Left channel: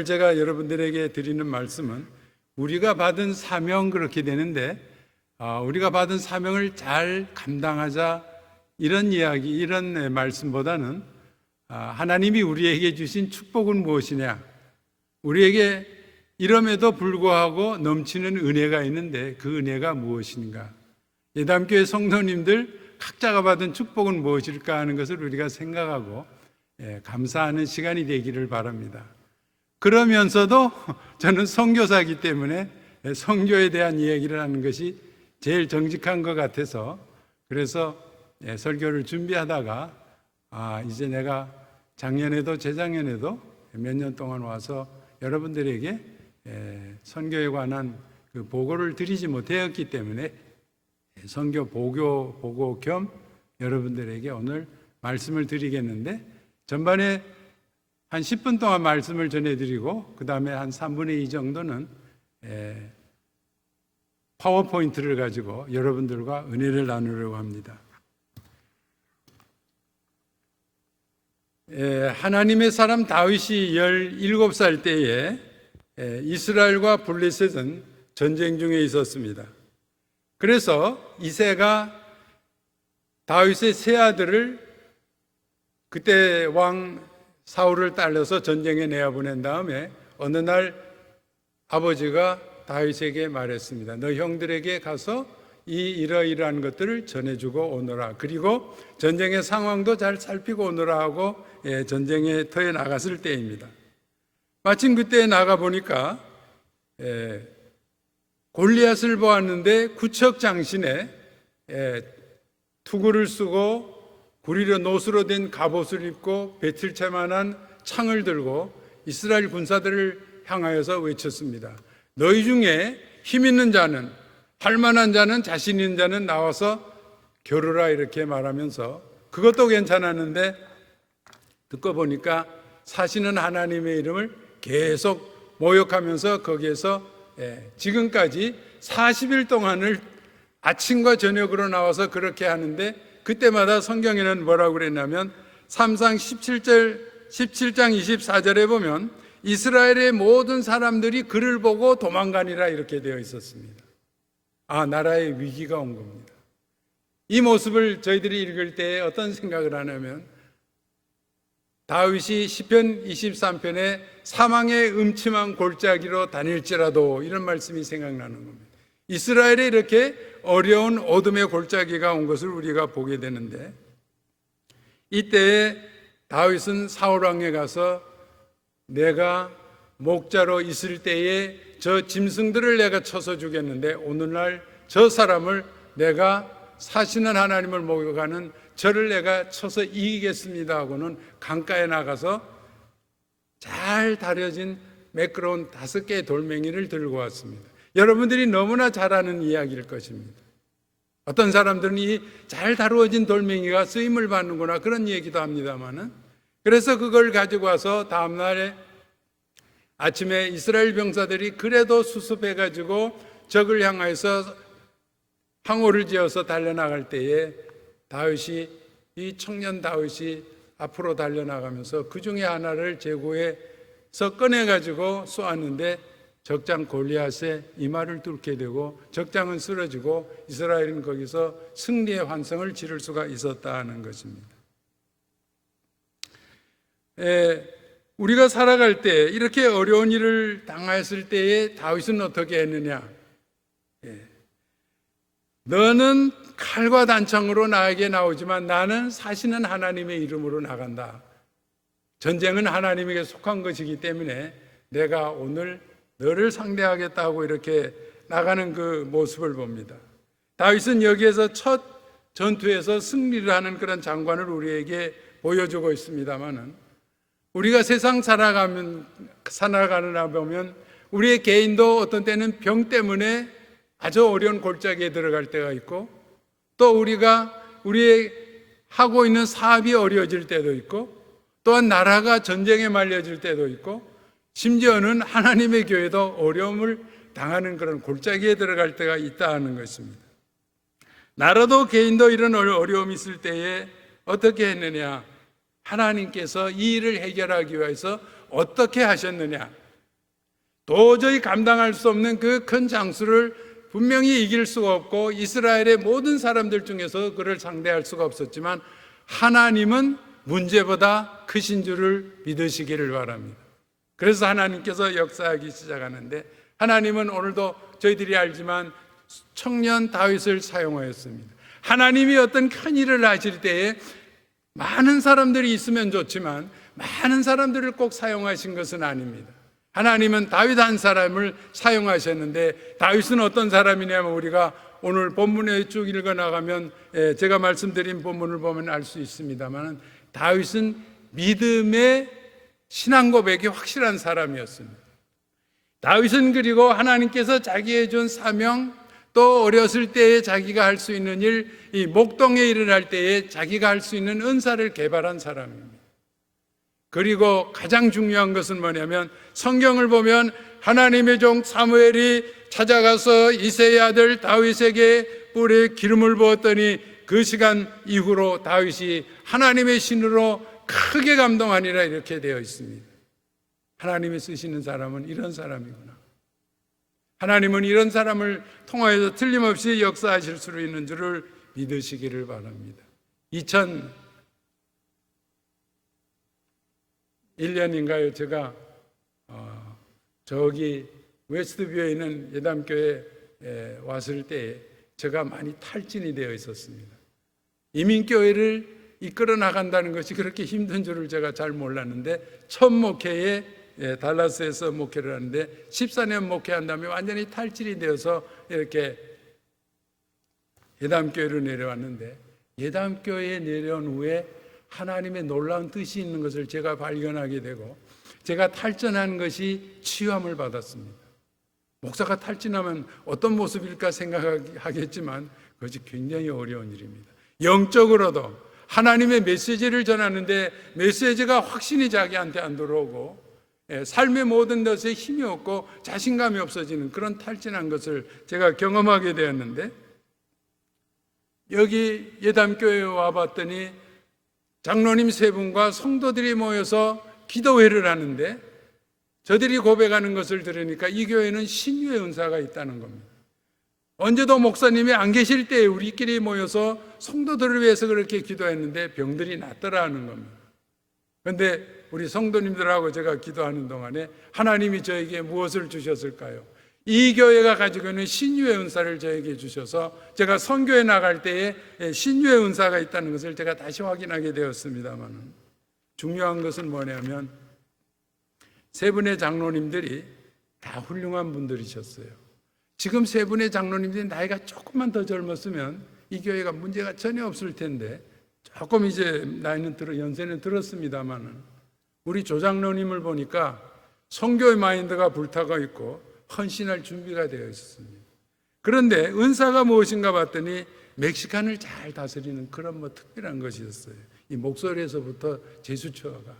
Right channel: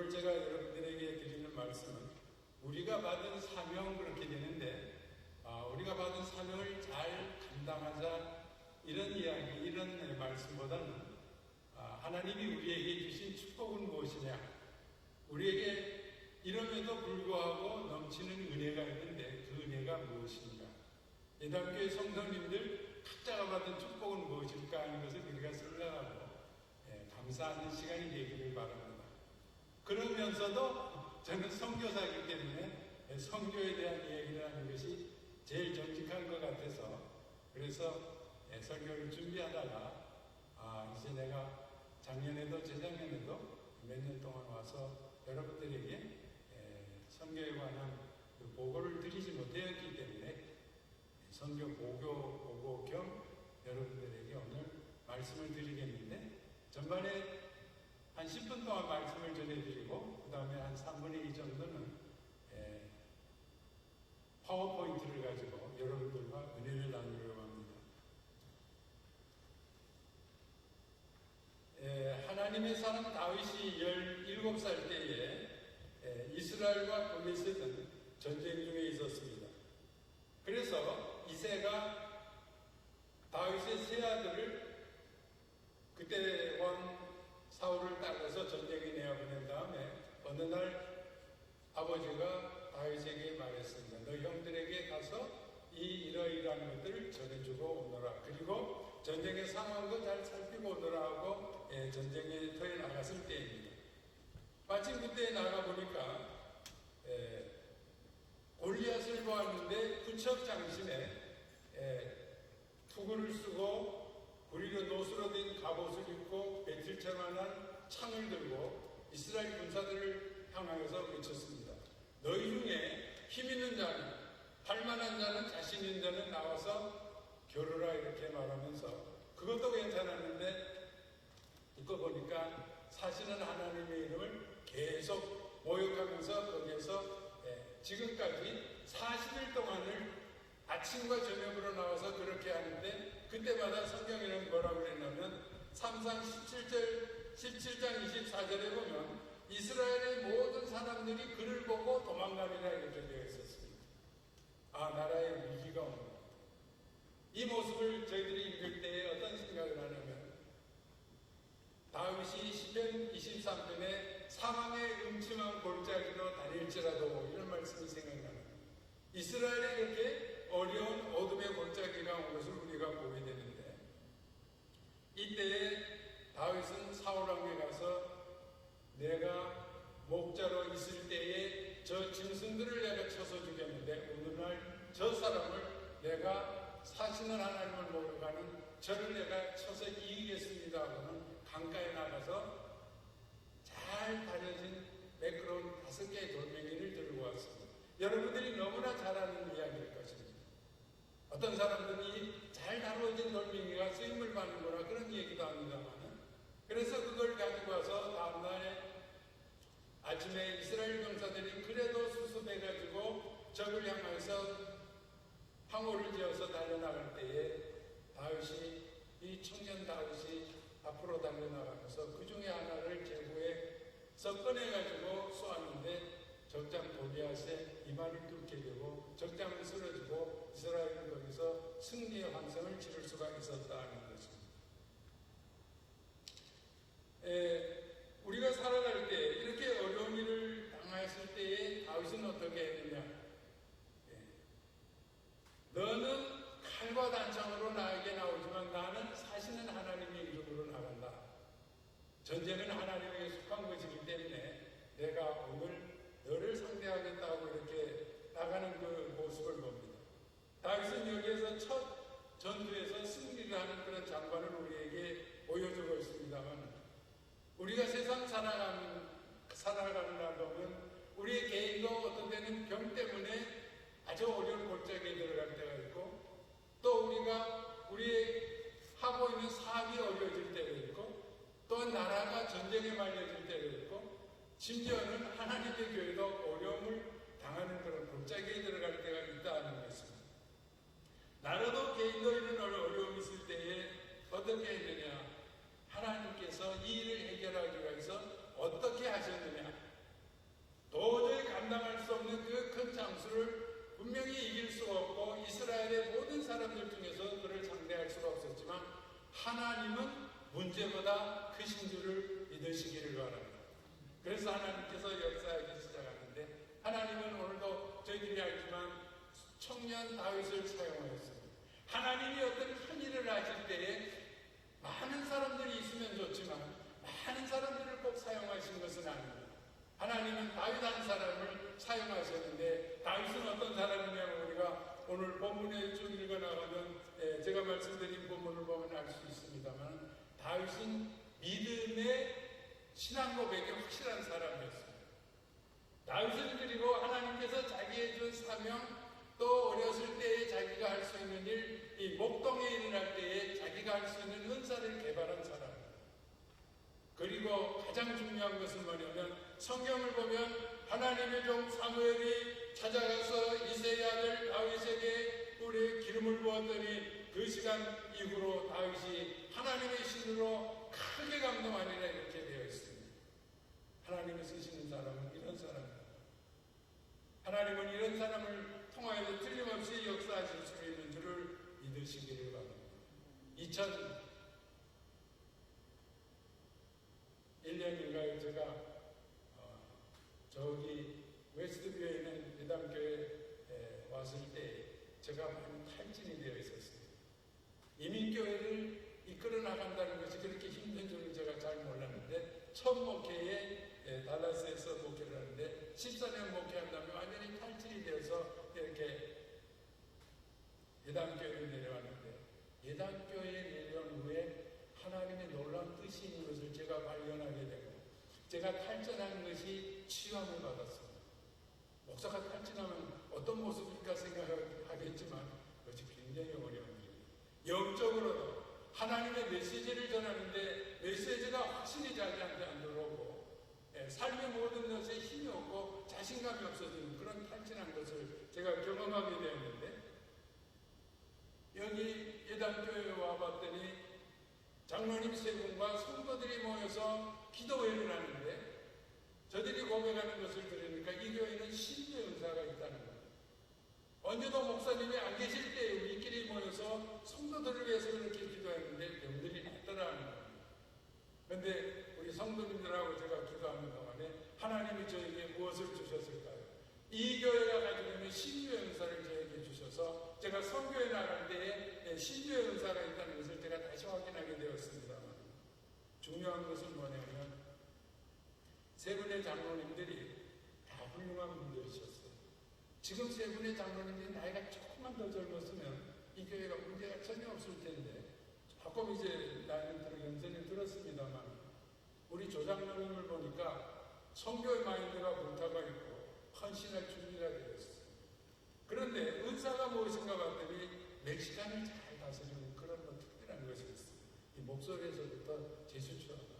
오늘 제가 여러분들에게 드리는 말씀은 우리가 받은 사명 그렇게 되는데 우리가 받은 사명을 잘 감당하자 이런 이야기, 이런 말씀보다는 하나님이 우리에게 주신 축복은 무엇이냐, 우리에게 이럼에도 불구하고 넘치는 은혜가 있는데 그 은혜가 무엇인가, 예담교회 성도님들 각자가 받은 축복은 무엇일까 하는 것을 우리가 생각하고 감사하는 시간이 되기를 바랍니다. 그러면서도 저는 선교사이기 때문에 선교에 대한 이야기를 하는 것이 제일 정직한 것 같아서, 그래서 설교를 준비하다가 이제 내가 작년에도 재작년에도 몇 년 동안 와서 여러분들에게 선교에 관한 그 보고를 드리지 못했기 때문에 선교 보고 겸 여러분들에게 오늘 말씀을 드리겠는데, 전반에 한 10분 동안 말씀을 전해드리고 그 다음에 한 3분의 2 정도는 파워포인트를 가지고 여러분들과 은혜를 나누려고 합니다. 하나님의 사람 다윗이 17살 때에 이스라엘과 블레셋은 전쟁 중에 있었습니다. 그래서 이새가 다윗의 세 아들을 그때 왕 사울을 딸려서 전쟁에 내어보낸 다음에 어느 날 아버지가 다윗에게 말했습니다. 너 형들에게 가서 이러이러한 것들을 전해주고 오너라. 그리고 전쟁의 상황도 잘 살피고 오너라 하고 전쟁에 터에 나갔을 때입니다. 마침 그때 나가보니까 골리앗을 보았는데 구척장신에 투구를 쓰고 구리로 노수로 된 갑옷을 입고 배틀채만한 창을 들고 이스라엘 군사들을 향하여서 외쳤습니다. 너희 중에 힘 있는 자는, 할 만한 자는, 자신 있는 자는 나와서 겨루라, 이렇게 말하면서 그것도 괜찮았는데 듣고 보니까 사시는 하나님의 이름을 계속 모욕하면서 거기에서 지금까지 40일 동안을 아침과 저녁으로 나와서 그렇게 하는데, 그때마다 성경에는 뭐라고 그랬냐면 삼상 17장 24절에 보면 이스라엘의 모든 사람들이 그를 보고 도망가니라, 이렇게 되어 있었습니다. 나라의 위기가 온 겁니다. 이 모습을 저희들이 읽을 때 어떤 생각을 하냐면, 다윗이 시편 23편에 사망의 음침한 골짜기로 다닐지라도, 이런 말씀이 생각나는 겁니다. 이스라엘에 이렇게 어려운 어둠의 골짜기가 온 것을 우리가 보게 되는데, 이때에 다윗은 사울 왕에 가서 내가 목자로 있을 때에 저 짐승들을 내가 쳐서 죽였는데 오늘날 저 사람을 내가 사시는 하나님을 모욕하는 저를 내가 쳐서 이기겠습니다 하고는 강가에 나가서 잘 다려진 매끄러운 5개의 돌멩이를 들고 왔습니다. 여러분들이 너무나 잘 아는 이야기일 것입니다. 어떤 사람들은 이 잘 다루어진 돌멩이가 쓰임을 받는구나, 그런 얘기도 합니다만은, 그래서 그걸 가지고 와서 다음날에 아침에 이스라엘 병사들이 그래도 수습해가지고 적을 향해서 항오를 지어서 달려나갈 때에 이 청년 다윗이 앞으로 달려나가면서 그 중에 하나를 제구해서 꺼내가지고 쏘았는데 적장 골리앗의 이마를 뚫게 되고 적장은 쓰러지고 이스라엘은 거기서 승리의 환성을 지를 수가 있었다 하는 것입니다. 우리가 살아갈 때 이렇게 어려운 일을 당했을 때에 다윗은 어떻게 했느냐? 너는 칼과 단창으로 나에게 나오지만 나는 사시는 하나님의 이름으로 나간다. 전쟁은 하나님에게 속한 것이기 때문에 내가 오늘 너를 상대하겠다고 이렇게 나가는 그 모습을 봅니다. 다윗은 여기에서 첫 전투에서 승리를 하는 그런 장관을 우리에게 보여주고 있습니다만은, 우리가 세상 살아가느라 보면 우리의 개인도 어떤 때는 병 때문에 아주 어려운 골짜기에 들어갈 때가 있고, 또 우리의 하고 있는 사업이 어려워질 때도 있고, 또한 나라가 전쟁에 말려질 때도 있고, 심지어는 하나님의 교회도 어려움을 당하는 그런 골짜기에 들어갈 때가 있다 하는 것입니다. 나라도 개인도 이런 어려움이 있을 때에 어떻게 했느냐? 하나님께서 이 일을 해결하기 위해서 어떻게 하셨느냐? 도저히 감당할 수 없는 그 큰 장수를 분명히 이길 수가 없고 이스라엘의 모든 사람들 중에서 그를 상대할 수가 없었지만 하나님은 문제보다 크신 줄을 믿으시기를 바랍니다. 그래서 하나님께서 역사하기 시작하는데 하나님은 오늘도 저희들이 알지만 청년 다윗을 사용하였습니다. 하나님이 어떤 큰 일을 하실 때에 많은 사람들이 있으면 좋지만 많은 사람들을 꼭 사용하신 것은 아닙니다. 하나님은 다윗 한 사람을 사용하셨는데 다윗은 어떤 사람이냐면 우리가 오늘 본문에 쭉 읽어나가면 제가 말씀드린 본문을 보면 알 수 있습니다만 다윗은 믿음의 신앙 고백이 확실한 사람이었습니다. 다윗은 그리고 하나님께서 자기에 준 사명 또 어렸을 때에 자기가 할 수 있는 일, 이 목동의 일을 할 때에 자기가 할 수 있는 은사를 개발한 사람입니다. 그리고 가장 중요한 것은 뭐냐면 성경을 보면 하나님의 종 사무엘이 찾아가서 이새의 아들 다윗에게 뿔에 기름을 부었더니 그 시간 이후로 다윗이 하나님의 신으로 크게 감동하니라 이렇게 되어 있습니다. 하나님이 쓰시는 사람은 이런 사람이구나. 하나님은 이런 사람을 통하여서 틀림없이 역사하실 수 있는 줄을 믿으시기를 바랍니다. 2001년인가요? 제가 저기 웨스트뷰에 있는 예담교회에 왔을 때 제가 많이 탈진이 되어 있었습니다. 이민교회를 이끌어 나간다는 것이 그렇게 힘든 줄을 제가 잘 몰랐는데 첫 목회에 달라스에서 목회를 하는데 14년 목회한 다음에 완전히 탈진이 되어서 이렇게 예담교회로 내려왔는데 예담교회에 내려온 후에 하나님의 놀라운 뜻이 있는 것을 제가 발견하게 되고 제가 탈진한 것이 치유함을 받았습니다. 목사가 탈진하면 어떤 모습일까 생각하겠지만 그것이 굉장히 어려운 일입니다. 영적으로도 하나님의 메시지를 전하는데 메시지가 확신이 자기한테 안 들어오고 삶의 모든 것에 힘이 없고 자신감이 없어지는 그런 탈진한 것을 제가 경험하게 되었는데 여기 예담교회에 와봤더니 장로님 세 분과 성도들이 모여서 기도회를 하는데 저들이 고백하는 것을 들으니까 이 교회는 신유의 은사가 있다는 겁니다. 언제도 목사님이 안 계실 때 우리끼리 모여서 성도들을 위해서 그렇게 기도했는데 병들이 낫더라 하는 겁니다. 그런데 우리 성도님들하고 제가 기도하는 동안에 하나님이 저에게 무엇을 주셨을까요? 이 교회가 가지고 있는 신유의 은사를 저에게 주셔서 제가 선교에 나갈 때에 신유의 은사가 있다는 것을 제가 다시 확인하게 되었습니다만 중요한 것은 뭐냐면 세 분의 장로님들이 다 훌륭한 분들이셨어요. 지금 세 분의 장로님들이 나이가 조금만 더 젊었으면 이 교회가 문제가 전혀 없을 텐데 조금 이제 나이는 연세는 들었습니다만 우리 조장로님을 보니까 선교의 마인드가 불타고 있고 헌신할 준비가 되어 있었습니다. 그런데 은사가 무엇인가 봤더니 멕시칸을 잘 다스리는 그런 특별한 것이었어요. 이 목소리에서부터 제수처가.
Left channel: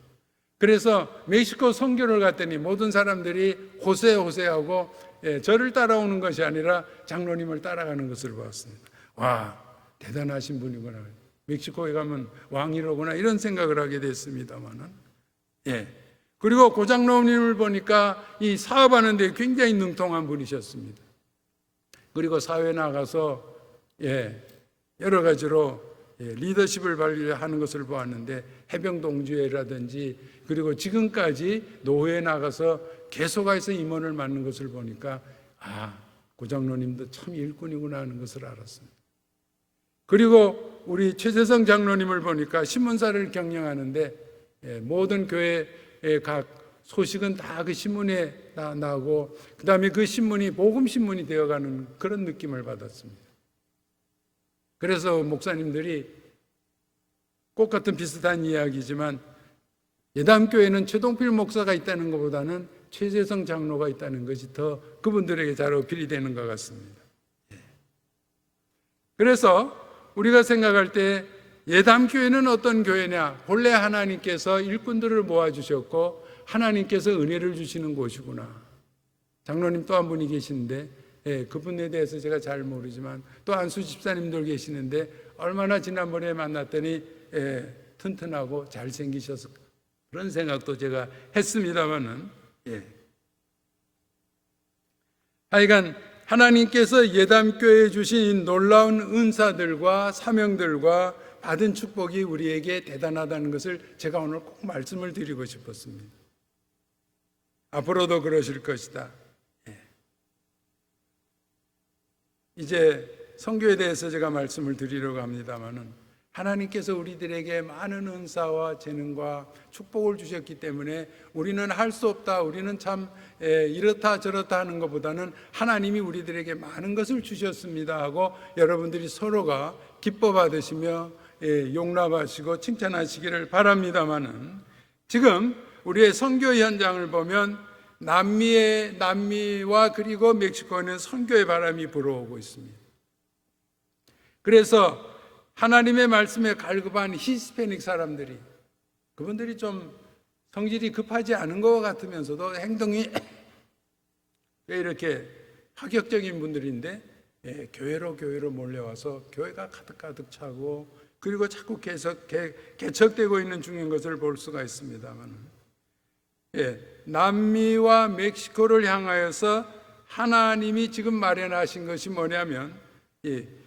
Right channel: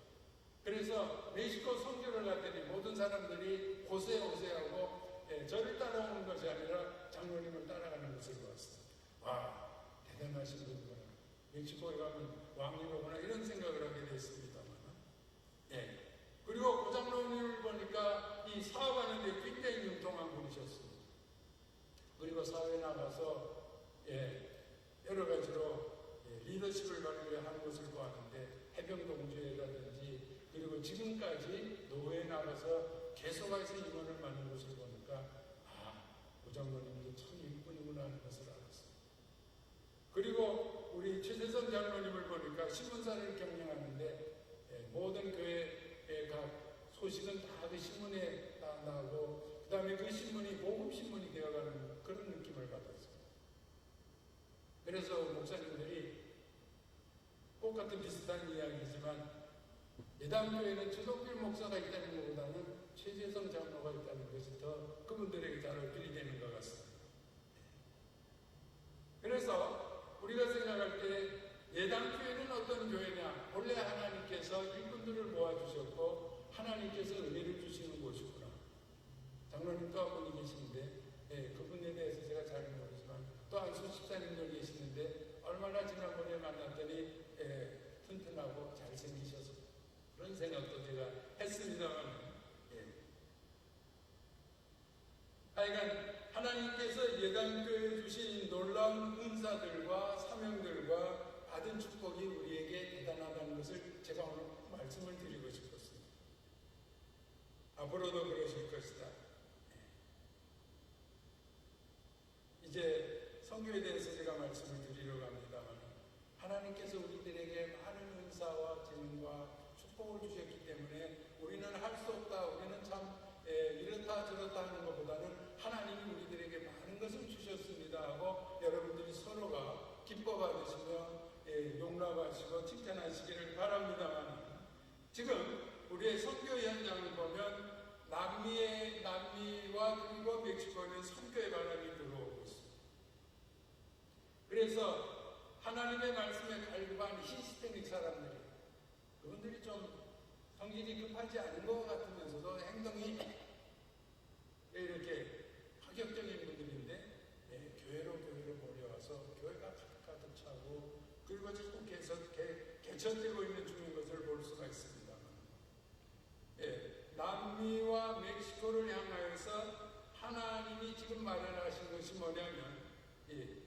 그래서 멕시코 선교를 갔더니 모든 사람들이 호세하고 저를 따라오는 것이 아니라 장로님을 따라가는 것을 보았습니다. 와, 대단하신 분이구나. 멕시코에 가면 왕이로구나 이런 생각을 하게 됐습니다만은 그리고 고장로님을 보니까 이 사업하는 데 굉장히 능통한 분이셨습니다. 그리고 사회에 나가서 여러 가지로 리더십을 발휘하는 것을 보았는데 해병동지회라든지 그리고 지금까지 노회에 나가서 개소가에서 임원을 맡는 것을 보니까 고장로님도 참 일꾼이구나 하는 것을 알았습니다. 그리고 우리 최재성 장로님을 보니까 신문사를 경영하는데 모든 교회의 각 소식은 다 그 신문에 나고 그 다음에 그 신문이 복음신문이 되어가는 그런 느낌을 받았습니다. 그래서 목사님들이 똑같은 비슷한 이야기지만 예담교회는 최동필 목사가 있다는 것보다는 최재성 장로가 있다는 것이 더 그분들에게 잘 어필이 되는 것 같습니다. 그래서 우리가 생각할 때 예담교회는 어떤 교회냐? 본래 하나님께서 일꾼들을 모아주셨고 하나님께서 은혜를 주시는 곳이구나. 장로님 또 한 분이 계시는데 그분에 대해서 제가 잘 모르지만 또 안수 집사님들 계시는데 얼마나 지난번에 만났더니 튼튼하고 잘생기셔서 그런 생각도 제가 했습니다만은 하여간 하나님께서 예담교회에 주신 놀라운 은사들과 사명들과 받은 축복이 우리에게 대단하다는 것을 제가 오늘 꼭 말씀을 드리고 싶었습니다. 앞으로도 그러실 것이다. 이제 선교에 대해서 제가 말씀을 드리려고 합니다마는 하나님께서 우리들에게 많은 은사와 재능과 축복을 주셨기 때문에 우리는 할 수 없다, 우리는 참 이렇다 저렇다 하는 것보다는 하나님이 우리들에게 많은 것을 주셨습니다 하고 여러분들이 서로가 기뻐 받으시며 용납하시고 칭찬하시기를 바랍니다마는 지금 우리의 선교 현장을 보면 남미와 그리고 멕시코에는 선교의 바람이 불어오고 있습니다. 그래서 하나님의 말씀에 갈급한 히스패닉 사람들이, 그분들이 좀 성질이 급하지 않은 것 같으면서도 행동이 왜 이렇게 파격적인 분들인데 교회로 몰려와서 교회가 가득 차고 그리고 자꾸 개척되고 있는 중인 것을 볼 수가 있습니다만, 남미와 멕시코를 향하여서 하나님이 지금 마련하신 것이 뭐냐면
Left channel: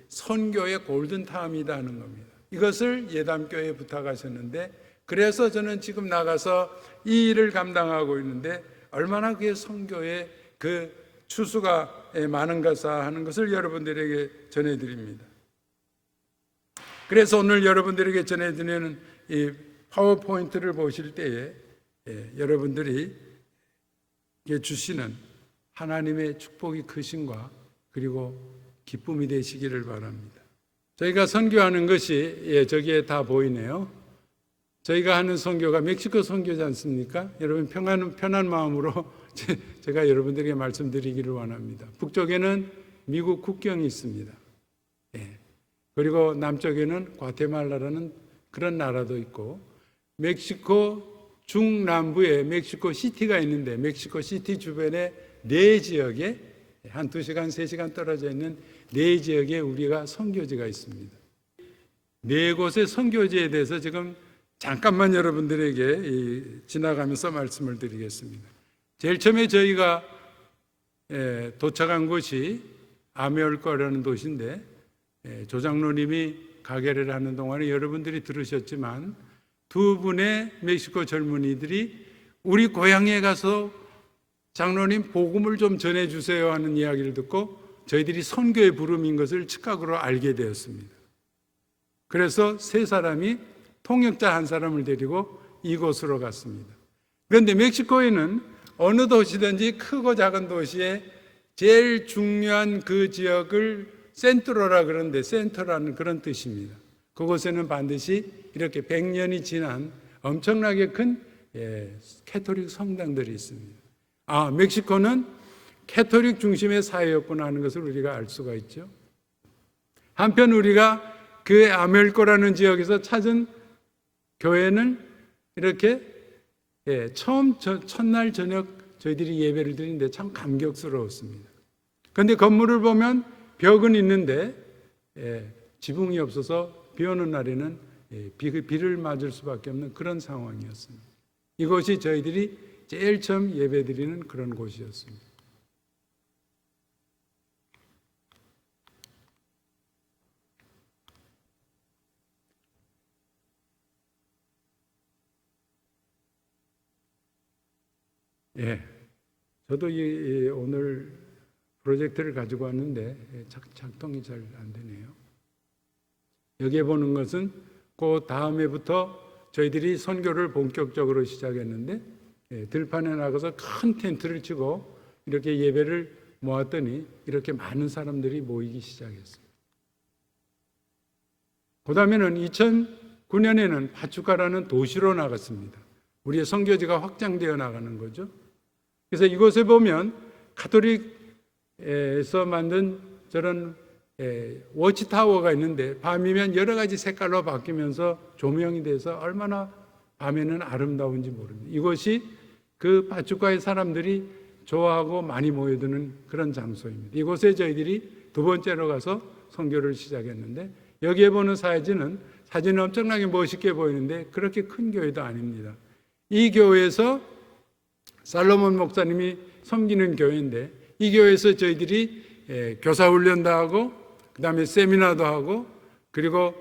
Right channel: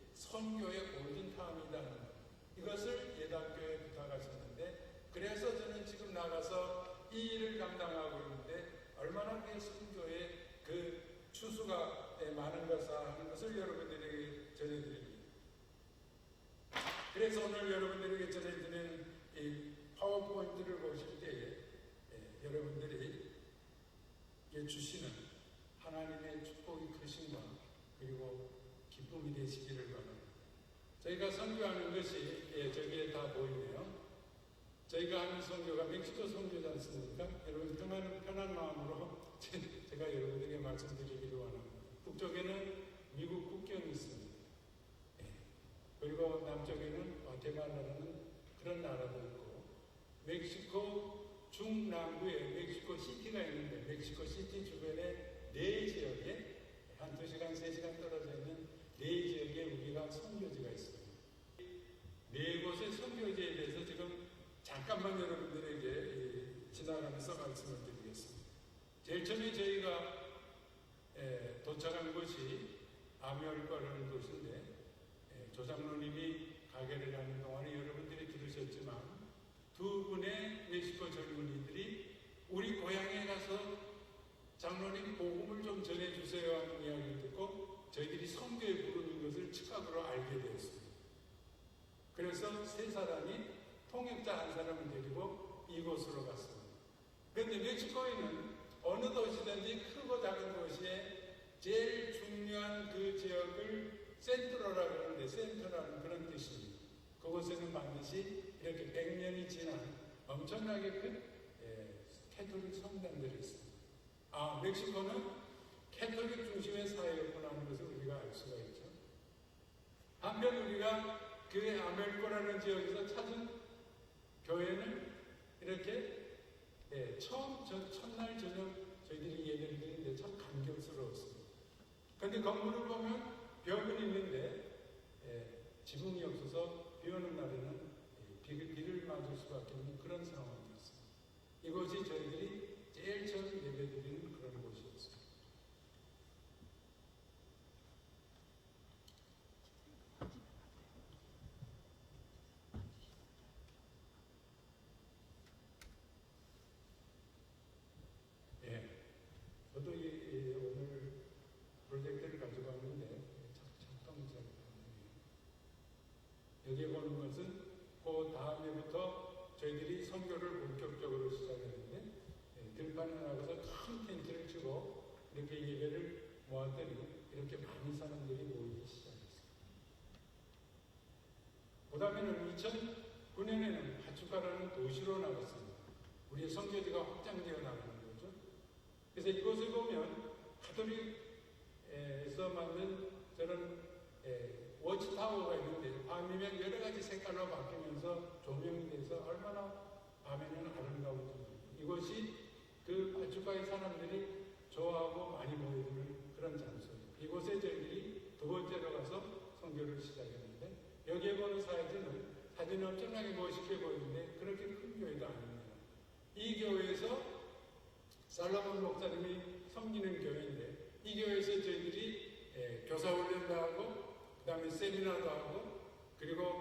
선교의 골든타임이다 하는 겁니다. 이것을 예담교회에 부탁하셨는데, 그래서 저는 지금 나가서 이 일을 감당하고 있는데 얼마나 그게 선교의 그 추수가 많은가 하는 것을 여러분들에게 전해드립니다. 그래서 오늘 여러분들에게 전해드리는 이 파워포인트를 보실 때에 여러분들이 주시는 하나님의 축복이 크신과 그리고 기쁨이 되시기를 바랍니다. 저희가 선교하는 것이 저기에 다 보이네요. 저희가 하는 선교가 멕시코 선교지 않습니까? 여러분 편한 마음으로 제가 여러분들에게 말씀드리기를 원합니다. 북쪽에는 미국 국경이 있습니다. 그리고 남쪽에는 과테말라라는 그런 나라도 있고, 멕시코 중남부에 멕시코 시티가 있는데 멕시코 시티 주변에 4지역에 한 2시간, 3시간 떨어져 있는 4지역에 우리가 선교지가 있습니다. 4곳의 선교지에 대해서 지금 잠깐만 여러분들에게 지나가면서 말씀을 드리겠습니다. 제일 처음에 저희가 도착한 곳이 아메올코라는 도시인데, 조장로님이 가게를 하는 동안에 여러분들이 들으셨지만 2분의 멕시코 젊은이들이 우리 고향에 가서 장로님 복음을 좀 전해주세요 하는 이야기를 듣고 저희들이 선교의 부름인 것을 즉각으로 알게 되었습니다. 그래서 3사람이 통역자 1사람을 데리고 이곳으로 갔습니다. 그런데 멕시코에는 어느 도시든지 크고 작은 도시에 제일 중요한 그 지역을 센트로라 그러는데, 센터라는 그런 뜻입니다. 그곳에는 반드시 이렇게 100년이 지난 엄청나게 큰 캐토릭 성당들이 있습니다. 멕시코는 캐토릭 중심의 사회였구나 하는 것을 우리가 알 수가 있죠. 한편 우리가 그 아멜코라는 지역에서 찾은 교회는 이렇게 첫날 저녁 저희들이 예배를 드리는데 참 감격스러웠습니다. 그런데 건물을 보면 벽은 있는데 지붕이 없어서 비 오는 날에는 비를 맞을 수밖에 없는 그런 상황이었습니다. 이곳이 저희들이 제일 처음 예배 드리는 그런 곳이었습니다. 저도 오늘 프로젝트를 가지고 왔는데 작동이 잘 안 되네요. 여기에 보는 것은 그 다음에부터 저희들이 선교를 본격적으로 시작했는데, 들판에 나가서 큰 텐트를 치고 이렇게 예배를 모았더니 이렇게 많은 사람들이 모이기 시작했어요. 그 다음에는 2009년에는 파추카라는 도시로 나갔습니다. 우리의 선교지가 확장되어 나가는 거죠. 그래서 이곳에 보면 가톨릭에서 만든 저런 워치타워가 있는데 밤이면 여러 가지 색깔로 바뀌면서 조명이 돼서 얼마나 밤에는 아름다운지 모릅니다. 이곳이 그 파추카의 사람들이 좋아하고 많이 모여드는 그런 장소입니다. 이곳에 저희들이 2번째로 가서 선교를 시작했는데, 여기에 보는 사진은 엄청나게 멋있게 보이는데 그렇게 큰 교회도 아닙니다. 이 교회에서 살로몬 목사님이 섬기는 교회인데 이 교회에서 저희들이 교사 훈련도 하고 그 다음에 세미나도 하고 그리고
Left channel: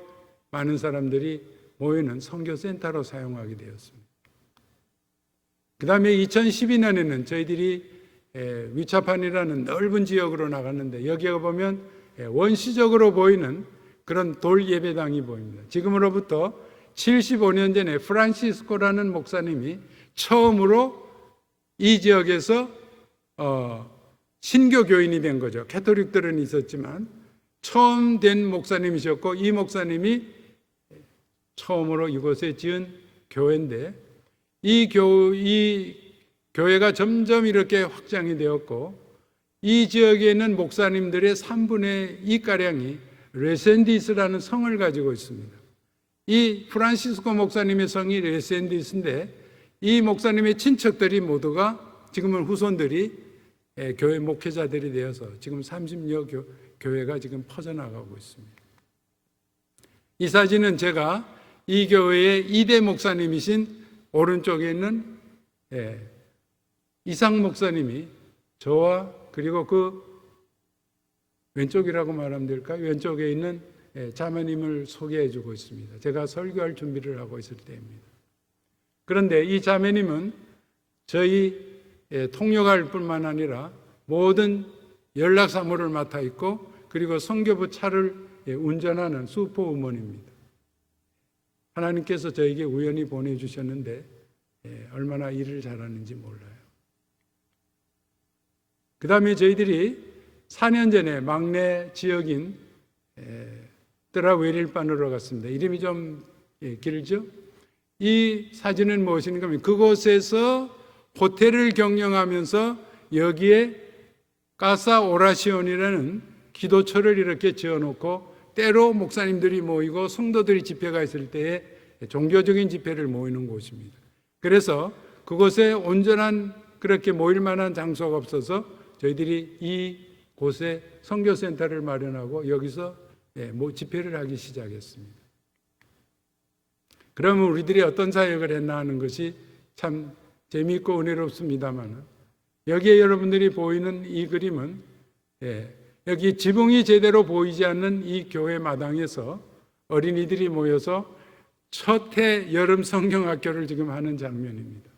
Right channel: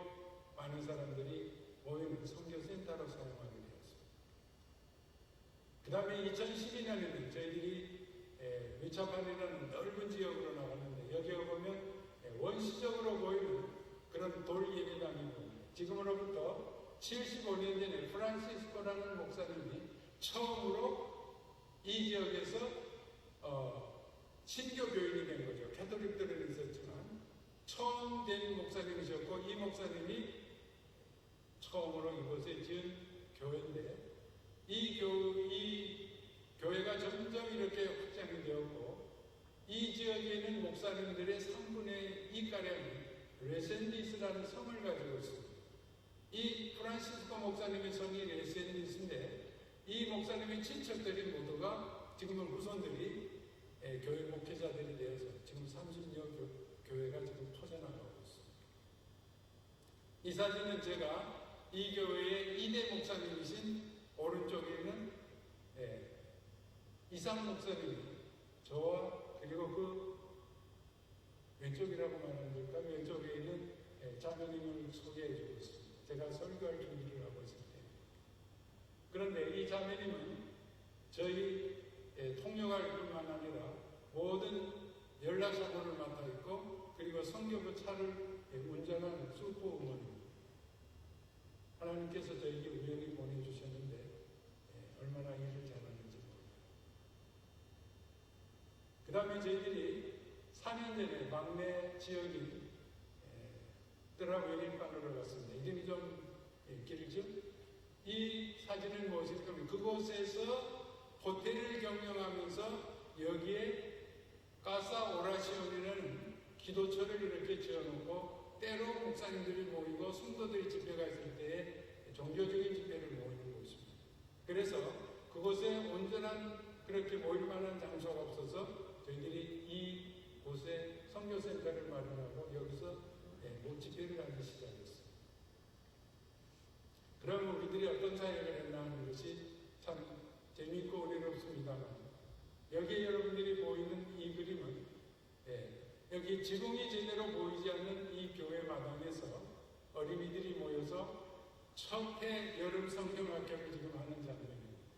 많은 사람들이 모이는 선교센터로 사용하게 되었습니다. 그 다음에 2012년에는 저희들이 위차판이라는 넓은 지역으로 나갔는데 여기에 보면 원시적으로 보이는 그런 돌 예배당이 보입니다. 지금으로부터 75년 전에 프란시스코라는 목사님이 처음으로 이 지역에서 신교 교인이 된 거죠. 가톨릭들은 있었지만 처음 된 목사님이셨고 이 목사님이 처음으로 이곳에 지은 교회인데 이 교회가 점점 이렇게 확장이 되었고 이 지역에 있는 목사님들의 3분의 2가량이 레센디스라는 성을 가지고 있습니다. 이 프란시스코 목사님의 성이 레센디스인데 이 목사님의 친척들이 모두가 지금은 후손들이 교회 목회자들이 되어서 지금 30여 교회가 지금 퍼져나가고 있습니다. 이 사진은 제가 이 교회의 2대 목사님이신 오른쪽에 있는 이상 목사님이 저와 그리고 그 왼쪽이라고 말하면 될까요? 왼쪽에 있는 자매님을 소개해 주고 있습니다. 제가 설교할 준비를 하고 있을 때입니다. 그런데 이 자매님은 저희 통역할 뿐만 아니라 모든 연락 사무를 맡아 있고 그리고 선교부 차를 운전하는 슈퍼우먼입니다. 하나님께서 저에게 우연히 보내주셨는데 얼마나 일을 잘하는지 몰라요. 그 다음에 저희들이 4년 전에 막내 지역인 뜨라웨릴반으로 갔습니다. 이름이 좀 길죠? 이 사진은 무엇인가 하면 그곳에서 호텔을 경영하면서 여기에 까사 오라시온이라는 기도처를 이렇게 지어놓고 때로 목사님들이 모이고 성도들이 집회가 있을 때에 종교적인 집회를 모이는 곳입니다. 그래서 그곳에 온전한 그렇게 모일 만한 장소가 없어서 저희들이 이 곳에 선교센터를 마련하고 여기서 집회를 하기 시작했습니다. 그러면 우리들이 어떤 사역을 했나 하는 것이 참 재미있고 은혜롭습니다만 여기에 여러분들이 보이는 이 그림은 여기 지붕이 제대로 보이지 않는 이 교회 마당에서 어린이들이 모여서 첫 해 여름 성경학교를 지금 하는 장면입니다.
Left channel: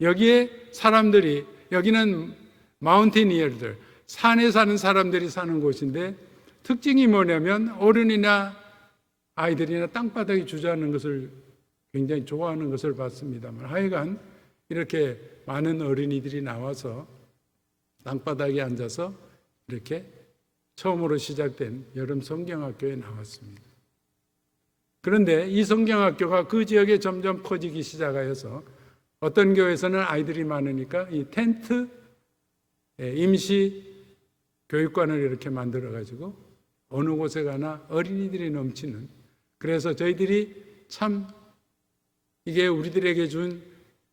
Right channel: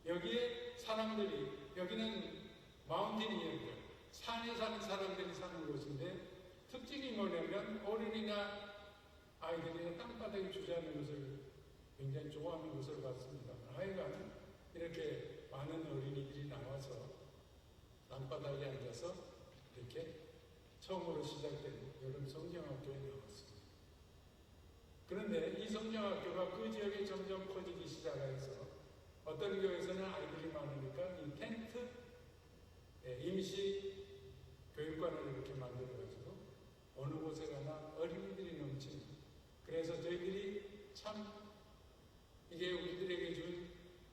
여기에 사람들이 여기는 마운테니어들 산에 사는 사람들이 사는 곳인데 특징이 뭐냐면 어른이나 아이들이나 땅바닥에 주저앉는 것을 굉장히 좋아하는 것을 봤습니다만 하여간 이렇게 많은 어린이들이 나와서 땅바닥에 앉아서 이렇게 처음으로 시작된 여름 성경학교에 나왔습니다. 그런데 이 성경학교가 그 지역에 점점 퍼지기 시작하여서 어떤 교회에서는 아이들이 많으니까 이 텐트 임시 교육관을 이렇게 만들어 가지고 어느 곳에 가나 어린이들이 넘치는 그래서 저희들이 참 이게 우리들에게 준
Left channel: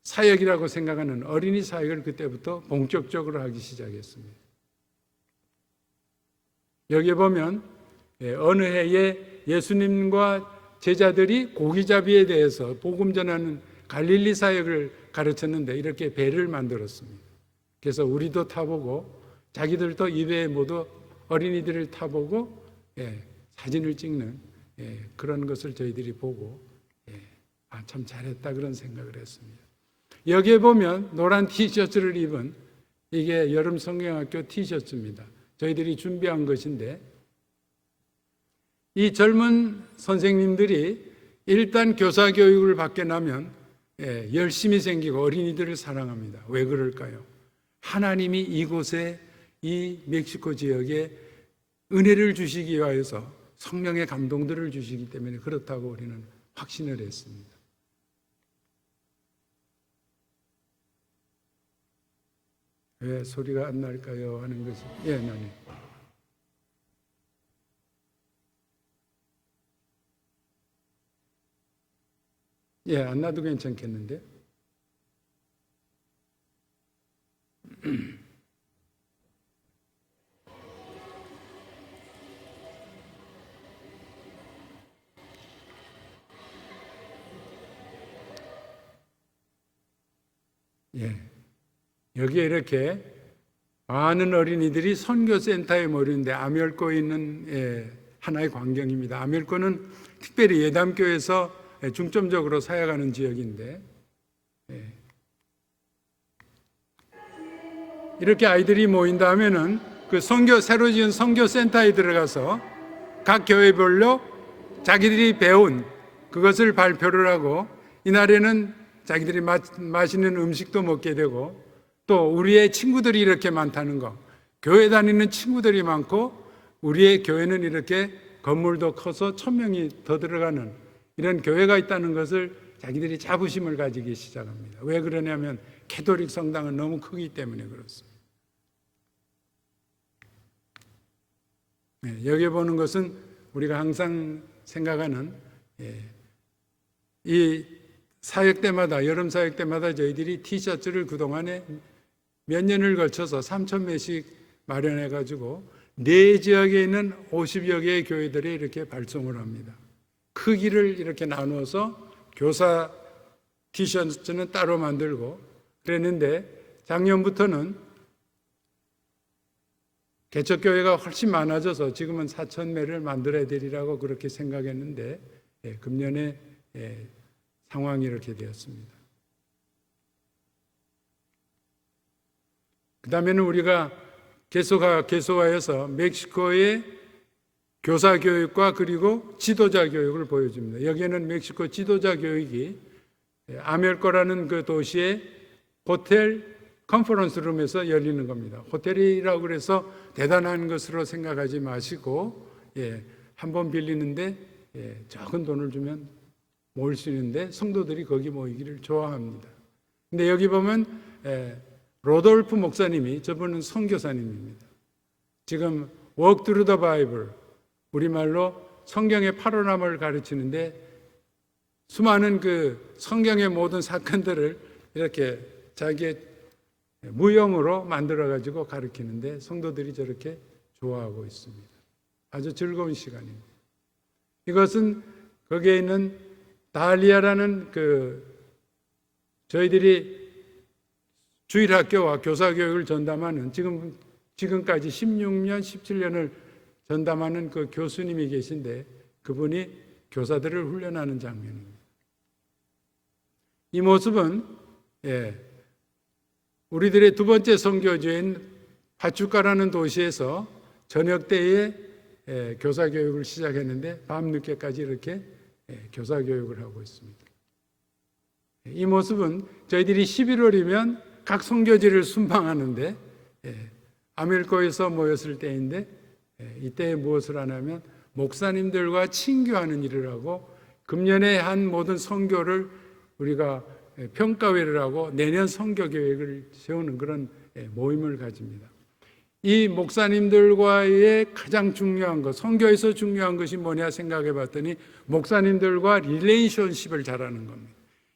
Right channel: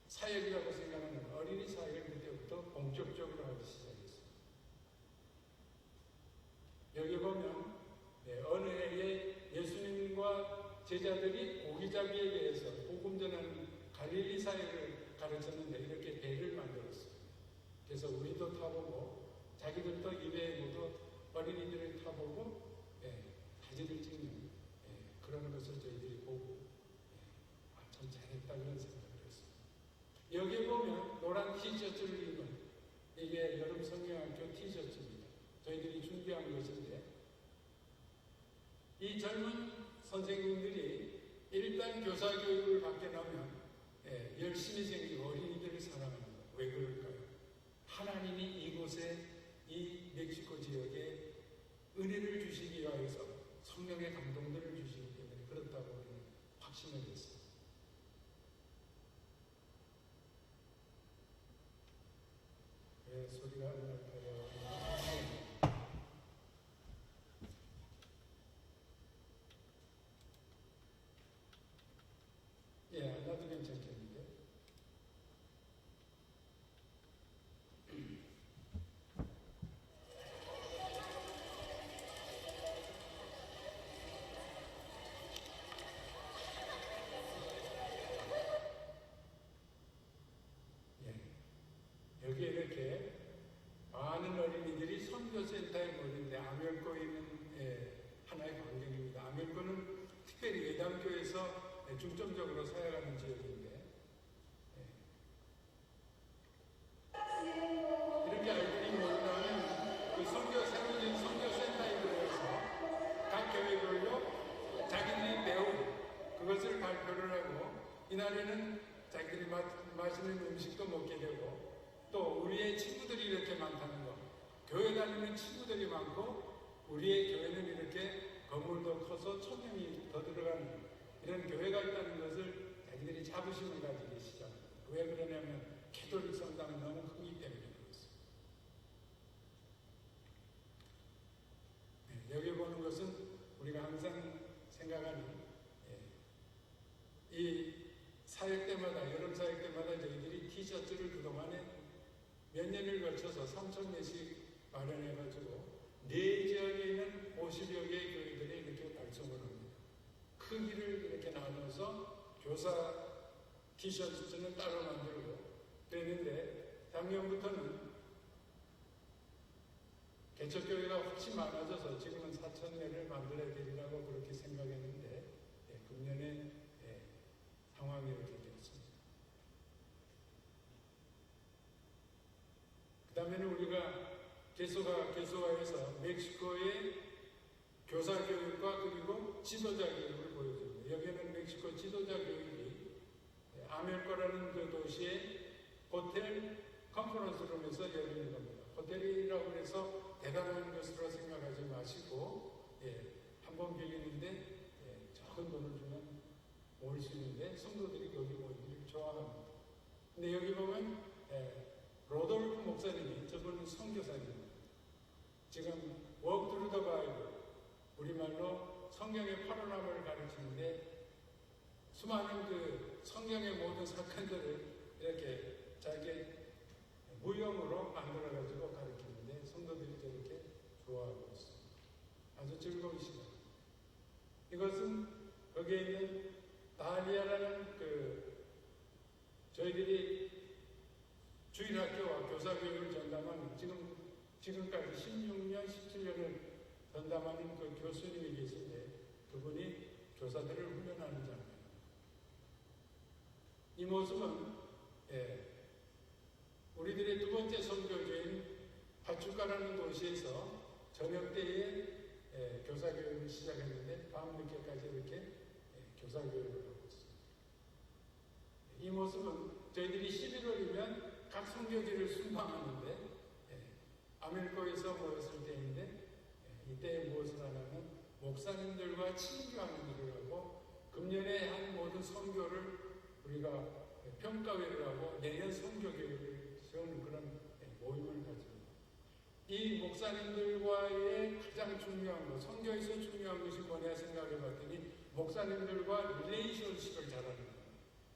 사역이라고 생각하는 어린이 사역을 그때부터 본격적으로 하기 시작했습니다. 여기에 보면 어느 해에 예수님과 제자들이 고기잡이에 대해서 복음 전하는 갈릴리 사역을 가르쳤는데 이렇게 배를 만들었습니다. 그래서 우리도 타보고 자기들도 이 배에 모두 어린이들을 타보고 사진을 찍는 그런 것을 저희들이 보고 참 잘했다 그런 생각을 했습니다. 여기에 보면 노란 티셔츠를 입은 이게 여름 성경학교 티셔츠입니다. 저희들이 준비한 것인데 이 젊은 선생님들이 일단 교사 교육을 받게 나면 열심히 생기고 어린이들을 사랑합니다. 왜 그럴까요? 하나님이 이곳에 이 멕시코 지역에 은혜를 주시기 위하여서 성령의 감동들을 주시기 때문에 그렇다고 우리는 확신을 했습니다. 왜 소리가 안 날까요? 하는 것이 나니. 안 나도 괜찮겠는데? 여기에 이렇게 많은 어린이들이 선교센터에 모이는데 아멜코에 있는 하나의 광경입니다. 아멜코는 특별히 예담교에서 중점적으로 사역하는 지역인데 이렇게 아이들이 모인다 하면은 그 새로 지은 선교센터에 들어가서 각 교회별로 자기들이 배운 그것을 발표를 하고 이날에는 자기들이 맛있는 음식도 먹게 되고 또 우리의 친구들이 이렇게 많다는 거, 교회 다니는 친구들이 많고 우리의 교회는 이렇게 건물도 커서 1,000명이 더 들어가는 이런 교회가 있다는 것을 자기들이 자부심을 가지기 시작합니다. 왜 그러냐면 캐톨릭 성당은 너무 크기 때문에 그렇습니다. 여기 보는 것은 우리가 항상 생각하는 이 사역 때마다 여름 사역 때마다 저희들이 티셔츠를 그동안에 몇 년을 걸쳐서 3,000매씩 마련해 가지고 네 지역에 있는 50여 개의 교회들이 이렇게 발송을 합니다. 크기를 이렇게 나누어서 교사 티셔츠는 따로 만들고 그랬는데 작년부터는 개척교회가 훨씬 많아져서 지금은 4,000매를 만들어야 되리라고 그렇게 생각했는데 금년에 상황이 이렇게 되었습니다. 그 다음에는 우리가 개소하여서 멕시코의 교사 교육과 그리고 지도자 교육을 보여줍니다. 여기에는 멕시코 지도자 교육이 아멜코라는 그 도시의 호텔 컨퍼런스 룸에서 열리는 겁니다. 호텔이라고 그래서 대단한 것으로 생각하지 마시고 한 번 빌리는데 적은 돈을 주면 모일 수 있는데 성도들이 거기 모이기를 좋아합니다. 근데 여기 보면 로돌프 목사님이 저분은 선교사님입니다. 지금 Walk Through the Bible 우리말로 성경의 파노라마를 가르치는데 수많은 그 성경의 모든 사건들을 이렇게 자기의 무용으로 만들어 가지고 가르치는데 성도들이 저렇게 좋아하고 있습니다. 아주 즐거운 시간입니다. 이것은 거기에 있는 달리아라는 그 저희들이 주일학교와 교사교육을 전담하는 지금까지 16년, 17년을 전담하는 그 교수님이 계신데 그분이 교사들을 훈련하는 장면입니다. 이 모습은 우리들의 두 번째 선교지인 파추카라는 도시에서 저녁 때에 교사 교육을 시작했는데 밤늦게까지 이렇게 교사 교육을 하고 있습니다. 이 모습은 저희들이 11월이면 각 선교지를 순방하는데 아멜코에서 모였을 때인데 이때 무엇을 하냐면 목사님들과 친교하는 일을 하고 금년에 한 모든 선교를 우리가 평가회를 하고 내년 선교 계획을 세우는 그런 모임을 가집니다. 이 목사님들과의 가장 중요한 것, 선교에서 중요한 것이 뭐냐 생각해 봤더니 목사님들과 릴레이션십을 잘하는 겁니다.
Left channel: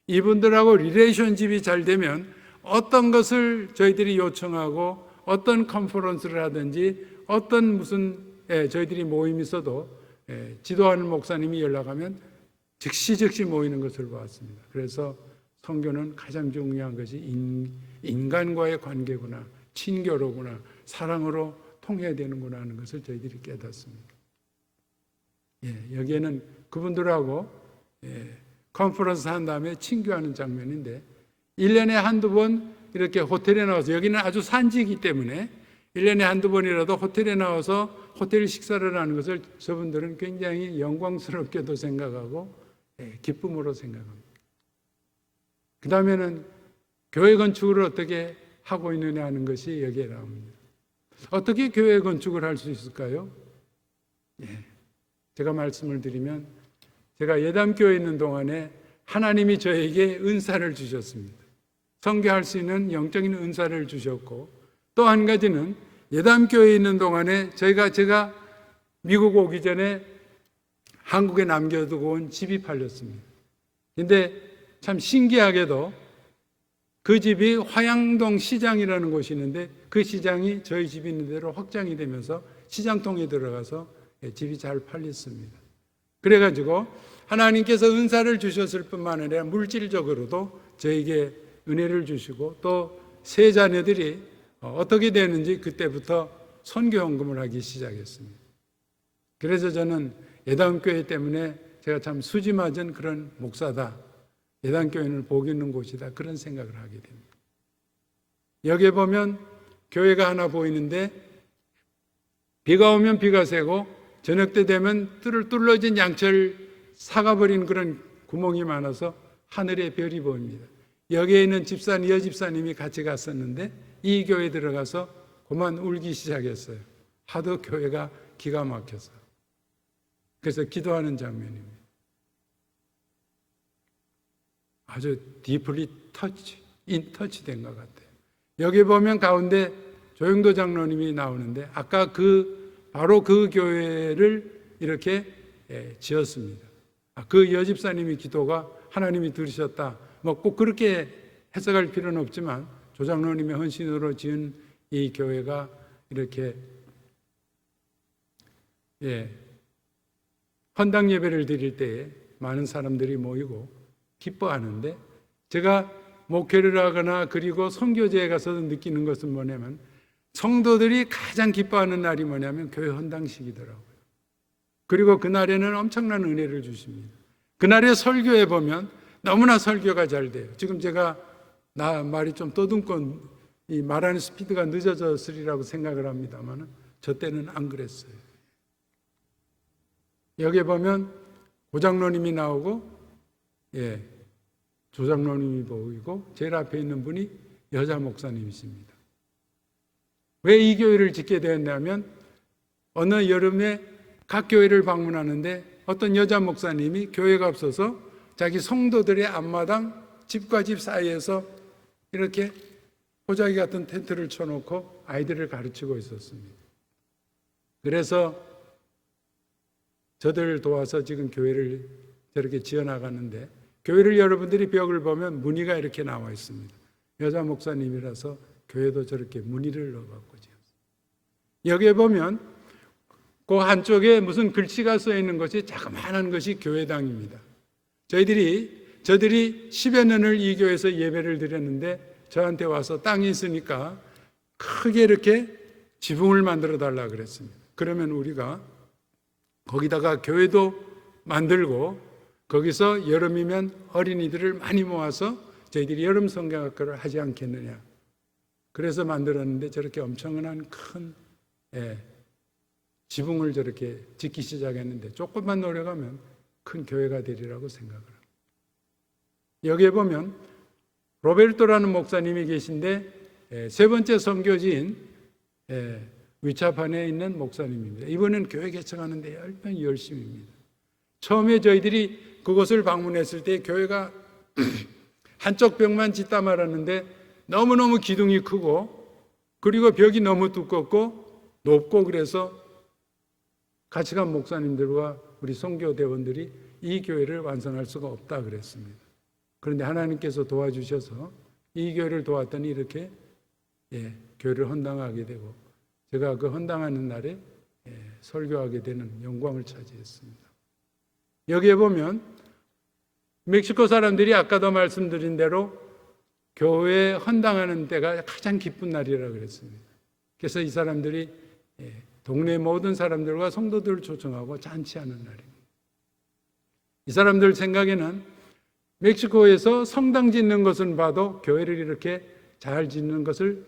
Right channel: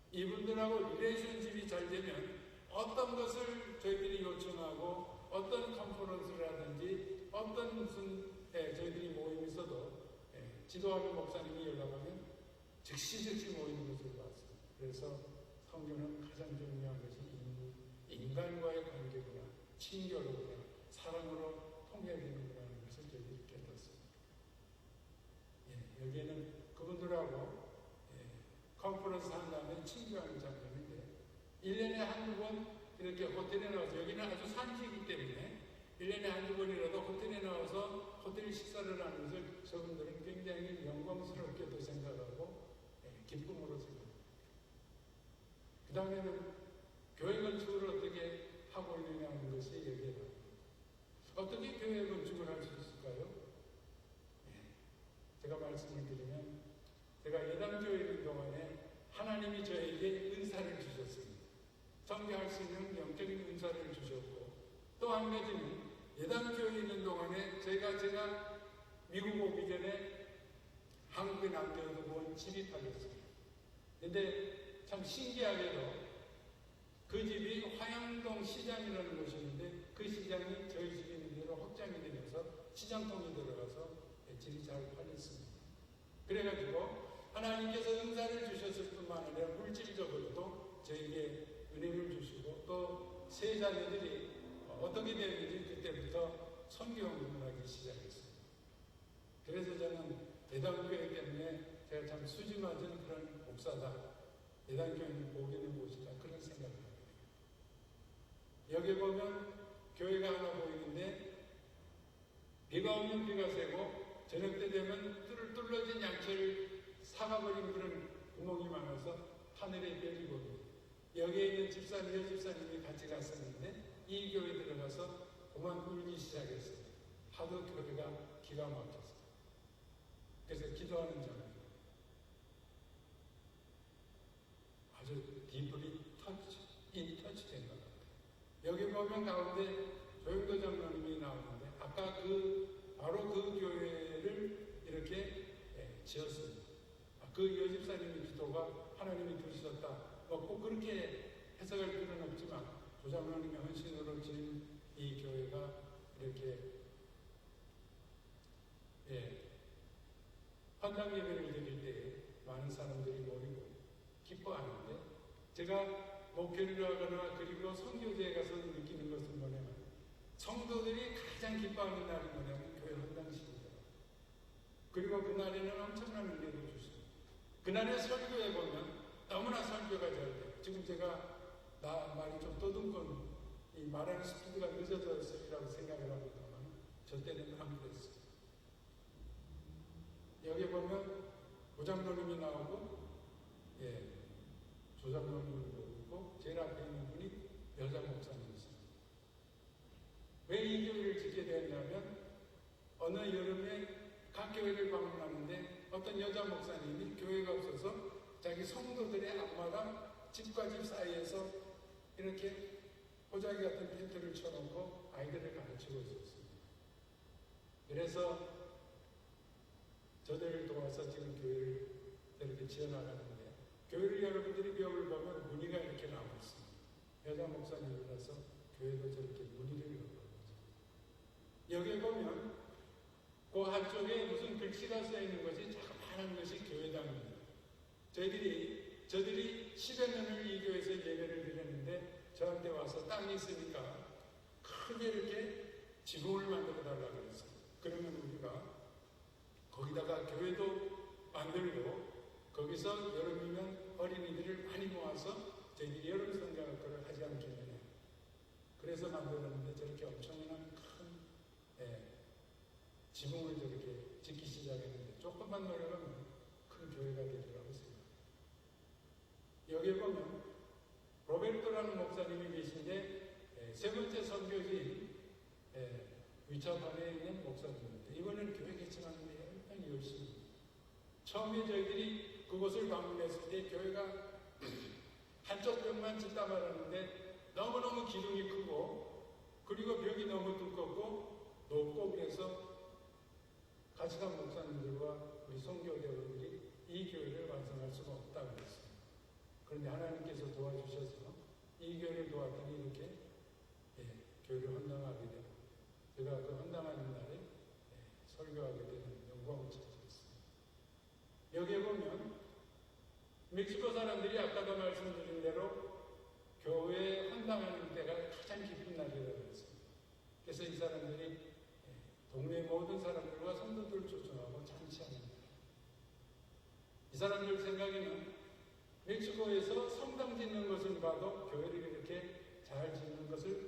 이분들하고 릴레이션십이 잘 되면 어떤 것을 저희들이 요청하고 어떤 컨퍼런스를 하든지 어떤 무슨 저희들이 모임이 있어도 지도하는 목사님이 연락하면 즉시 모이는 것을 보았습니다. 그래서 선교는 가장 중요한 것이 인간과의 관계구나, 친교로구나, 사랑으로 통해야 되는구나 하는 것을 저희들이 깨닫습니다. 여기에는 그분들하고 컨퍼런스 한 다음에 친교하는 장면인데 1년에 한두 번 이렇게 호텔에 나와서 여기는 아주 산지이기 때문에 1년에 한두 번이라도 호텔에 나와서 호텔 식사를 하는 것을 저분들은 굉장히 영광스럽게도 생각하고 기쁨으로 생각합니다. 그 다음에는 교회 건축을 어떻게 하고 있느냐 하는 것이 여기에 나옵니다. 어떻게 교회 건축을 할 수 있을까요? 제가 말씀을 드리면 제가 예담교회에 있는 동안에 하나님이 저에게 은사를 주셨습니다. 선교할 수 있는 영적인 은사를 주셨고 또 한 가지는 예담교회에 있는 동안에 제가 미국 오기 전에 한국에 남겨두고 온 집이 팔렸습니다. 근데 참 신기하게도 그 집이 화양동 시장이라는 곳이 있는데 그 시장이 저희 집이 있는 대로 확장이 되면서 시장통에 들어가서 집이 잘 팔렸습니다. 그래가지고 하나님께서 은사를 주셨을 뿐만 아니라 물질적으로도 저에게 은혜를 주시고 또 세 자녀들이 어떻게 되는지 그때부터 선교 헌금을 하기 시작했습니다. 그래서 저는 예담교회 때문에 제가 참 수지 맞은 그런 목사다, 예담교회는 복 있는 곳이다, 그런 생각을 하게 됩니다. 여기에 보면 교회가 하나 보이는데 비가 오면 비가 새고 저녁 때 되면 뚫어진 양철 사가버린 그런 구멍이 많아서 하늘에 별이 보입니다. 여기에 있는 집사님, 여집사님이 같이 갔었는데 이 교회에 들어가서 그만 울기 시작했어요. 하도 교회가 기가 막혀서. 그래서 기도하는 장면입니다. 아주 디플리 터치 된 것 같아요. 여기 보면 가운데 조영도 장로님이 나오는데 아까 바로 그 교회를 이렇게 지었습니다. 그 여집사님이 기도가 하나님이 들으셨다. 뭐 꼭 그렇게 해석할 필요는 없지만 조 장로님의 헌신으로 지은 이 교회가 이렇게 헌당 예배를 드릴 때에 많은 사람들이 모이고 기뻐하는데 제가 목회를 하거나 그리고 선교제에 가서 느끼는 것은 뭐냐면 성도들이 가장 기뻐하는 날이 뭐냐면 교회 헌당식이더라고요. 그리고 그날에는 엄청난 은혜를 주십니다. 그날의 설교에 보면 너무나 설교가 잘 돼요. 지금 제가 말이 좀 떠듬고 이 말하는 스피드가 늦어졌으리라고 생각을 합니다만 저 때는 안 그랬어요. 여기에 보면 오장로님이 나오고 조장로님이 보이고 제일 앞에 있는 분이 여자 목사님이십니다. 왜 이 교회를 짓게 되었냐면 어느 여름에 각 교회를 방문하는데 어떤 여자 목사님이 교회가 없어서 자기 성도들의 앞마당 집과 집 사이에서 이렇게 호자기 같은 텐트를 쳐놓고 아이들을 가르치고 있었습니다. 그래서 저들을 도와서 지금 교회를 저렇게 지어나가는데 교회를 여러분들이 벽을 보면 무늬가 이렇게 나와 있습니다. 여자 목사님이라서 교회도 저렇게 무늬를 넣어갖고 여기에 보면 그 한쪽에 무슨 글씨가 써 있는 것이 자그마한 것이 교회당입니다. 저들이 10여 년을 이 교회에서 예배를 드렸는데 저한테 와서 땅이 있으니까 크게 이렇게 지붕을 만들어 달라 그랬습니다. 그러면 우리가 거기다가 교회도 만들고 거기서 여름이면 어린이들을 많이 모아서 저희들이 여름 성경학교를 하지 않겠느냐. 그래서 만들었는데 저렇게 엄청난 큰 지붕을 저렇게 짓기 시작했는데 조금만 노력하면 큰 교회가 되리라고 생각을 합니다. 여기에 보면 로베르토라는 목사님이 계신데 세 번째 선교지인 위차판에 있는 목사님입니다. 이번엔 교회 개척하는데 얼마나 열심입니다. 처음에 저희들이 그곳을 방문했을 때 교회가 한쪽 벽만 짓다 말았는데 너무너무 기둥이 크고 그리고 벽이 너무 두껍고 높고 그래서 같이 간 목사님들과 우리 선교대원들이 이 교회를 완성할 수가 없다 그랬습니다. 그런데 하나님께서 도와주셔서 이 교회를 도왔더니 이렇게 교회를 헌당하게 되고 제가 그 헌당하는 날에 설교하게 되는 영광을 차지했습니다. 여기에 보면 멕시코 사람들이 아까도 말씀드린 대로 교회에 헌당하는 때가 가장 기쁜 날이라고 그랬습니다. 그래서 이 사람들이 동네 모든 사람들과 성도들을 초청하고 잔치하는 날입니다. 이 사람들 생각에는 멕시코에서 성당 짓는 것은 봐도 교회를 이렇게 잘 짓는 것을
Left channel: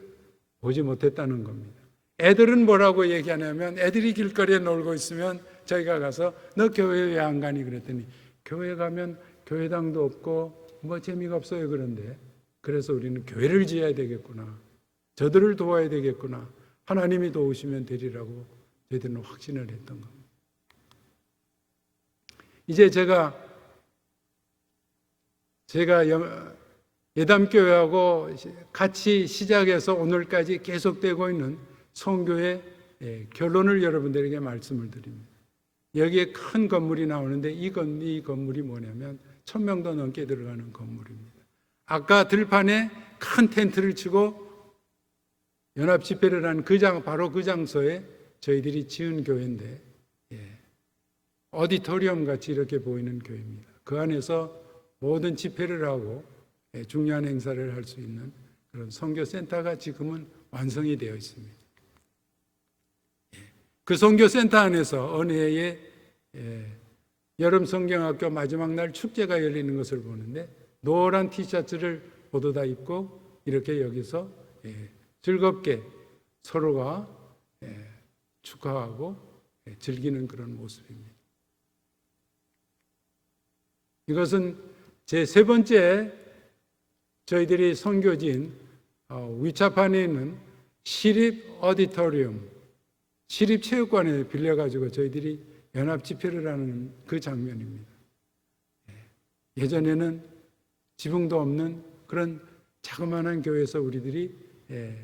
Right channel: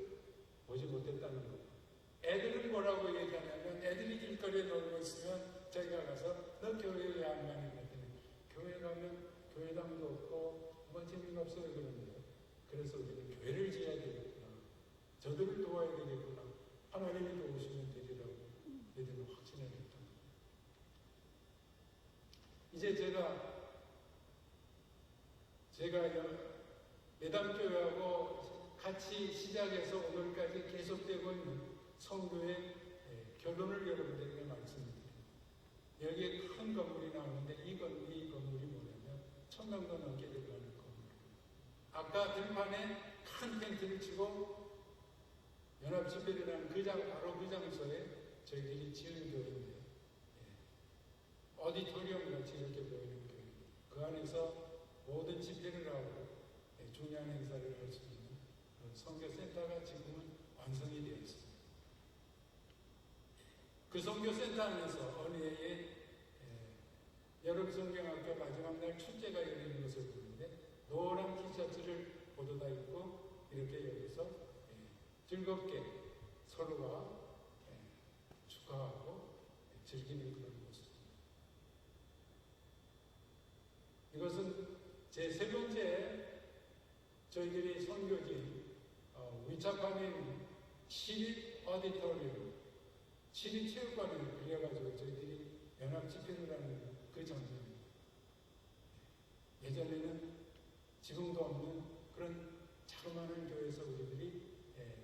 보지 못했다는 겁니다. 애들은 뭐라고 얘기하냐면 애들이 길거리에 놀고 있으면 저희가 가서 너 교회 왜 안 가니 그랬더니 교회 가면 교회당도 없고 뭐 재미가 없어요 그런데 그래서 우리는 교회를 지어야 되겠구나. 저들을 도와야 되겠구나. 하나님이 도우시면 되리라고 저희들은 확신을 했던 겁니다. 이제 제가 예담교회하고 같이 시작해서 오늘까지 계속되고 있는 선교의 결론을 여러분들에게 말씀을 드립니다. 여기에 큰 건물이 나오는데 이 건물이 뭐냐면 1000명도 넘게 들어가는 건물입니다. 아까 들판에 큰 텐트를 치고 연합 집회를 한 바로 그 장소에 저희들이 지은 교회인데 오디토리움 같이 이렇게 보이는 교회입니다. 그 안에서 모든 집회를 하고 중요한 행사를 할 수 있는 그런 선교센터가 지금은 완성이 되어 있습니다. 그 선교센터 안에서 어느 해에 여름 성경학교 마지막 날 축제가 열리는 것을 보는데 노란 티셔츠를 모두 다 입고 이렇게 여기서 즐겁게 서로가 축하하고 즐기는 그런 모습입니다. 이것은 제 세 번째 저희들이 선교지인 위차판에 있는 시립 오디토리움, 시립 체육관에 빌려가지고 저희들이 연합 집회를 하는 그 장면입니다. 예전에는 지붕도 없는 그런 자그마한 교회에서 우리들이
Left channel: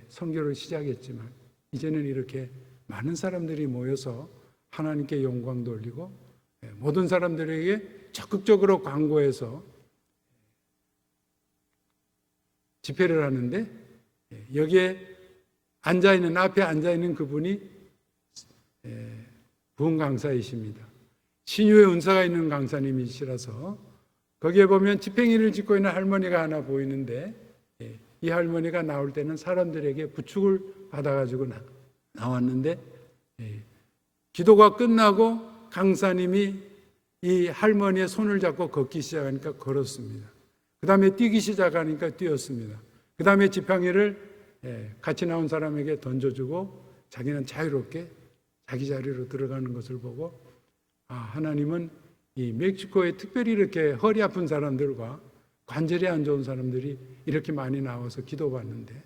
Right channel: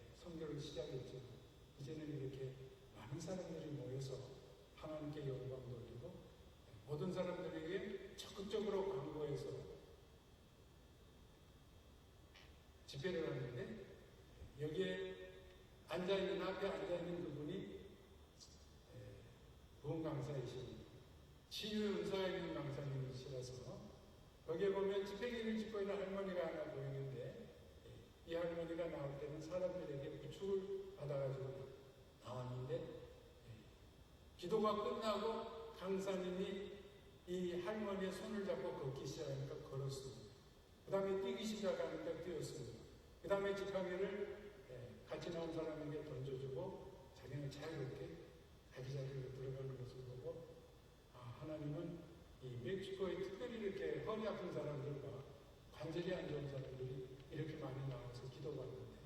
선교를 시작했지만 이제는 이렇게 많은 사람들이 모여서 하나님께 영광 돌리고 모든 사람들에게 적극적으로 광고해서 집회를 하는데 여기에 앞에 앉아있는 그분이 부흥 강사이십니다. 신유의 은사가 있는 강사님이시라서 거기에 보면 지팽이를 짚고 있는 할머니가 하나 보이는데 이 할머니가 나올 때는 사람들에게 부축을 받아가지고 나왔는데 기도가 끝나고 강사님이 이 할머니의 손을 잡고 걷기 시작하니까 걸었습니다. 그 다음에 뛰기 시작하니까 뛰었습니다. 그 다음에 지팡이를 같이 나온 사람에게 던져주고 자기는 자유롭게 자기 자리로 들어가는 것을 보고 하나님은 이 멕시코에 특별히 이렇게 허리 아픈 사람들과 관절이 안 좋은 사람들이 이렇게 많이 나와서 기도받는데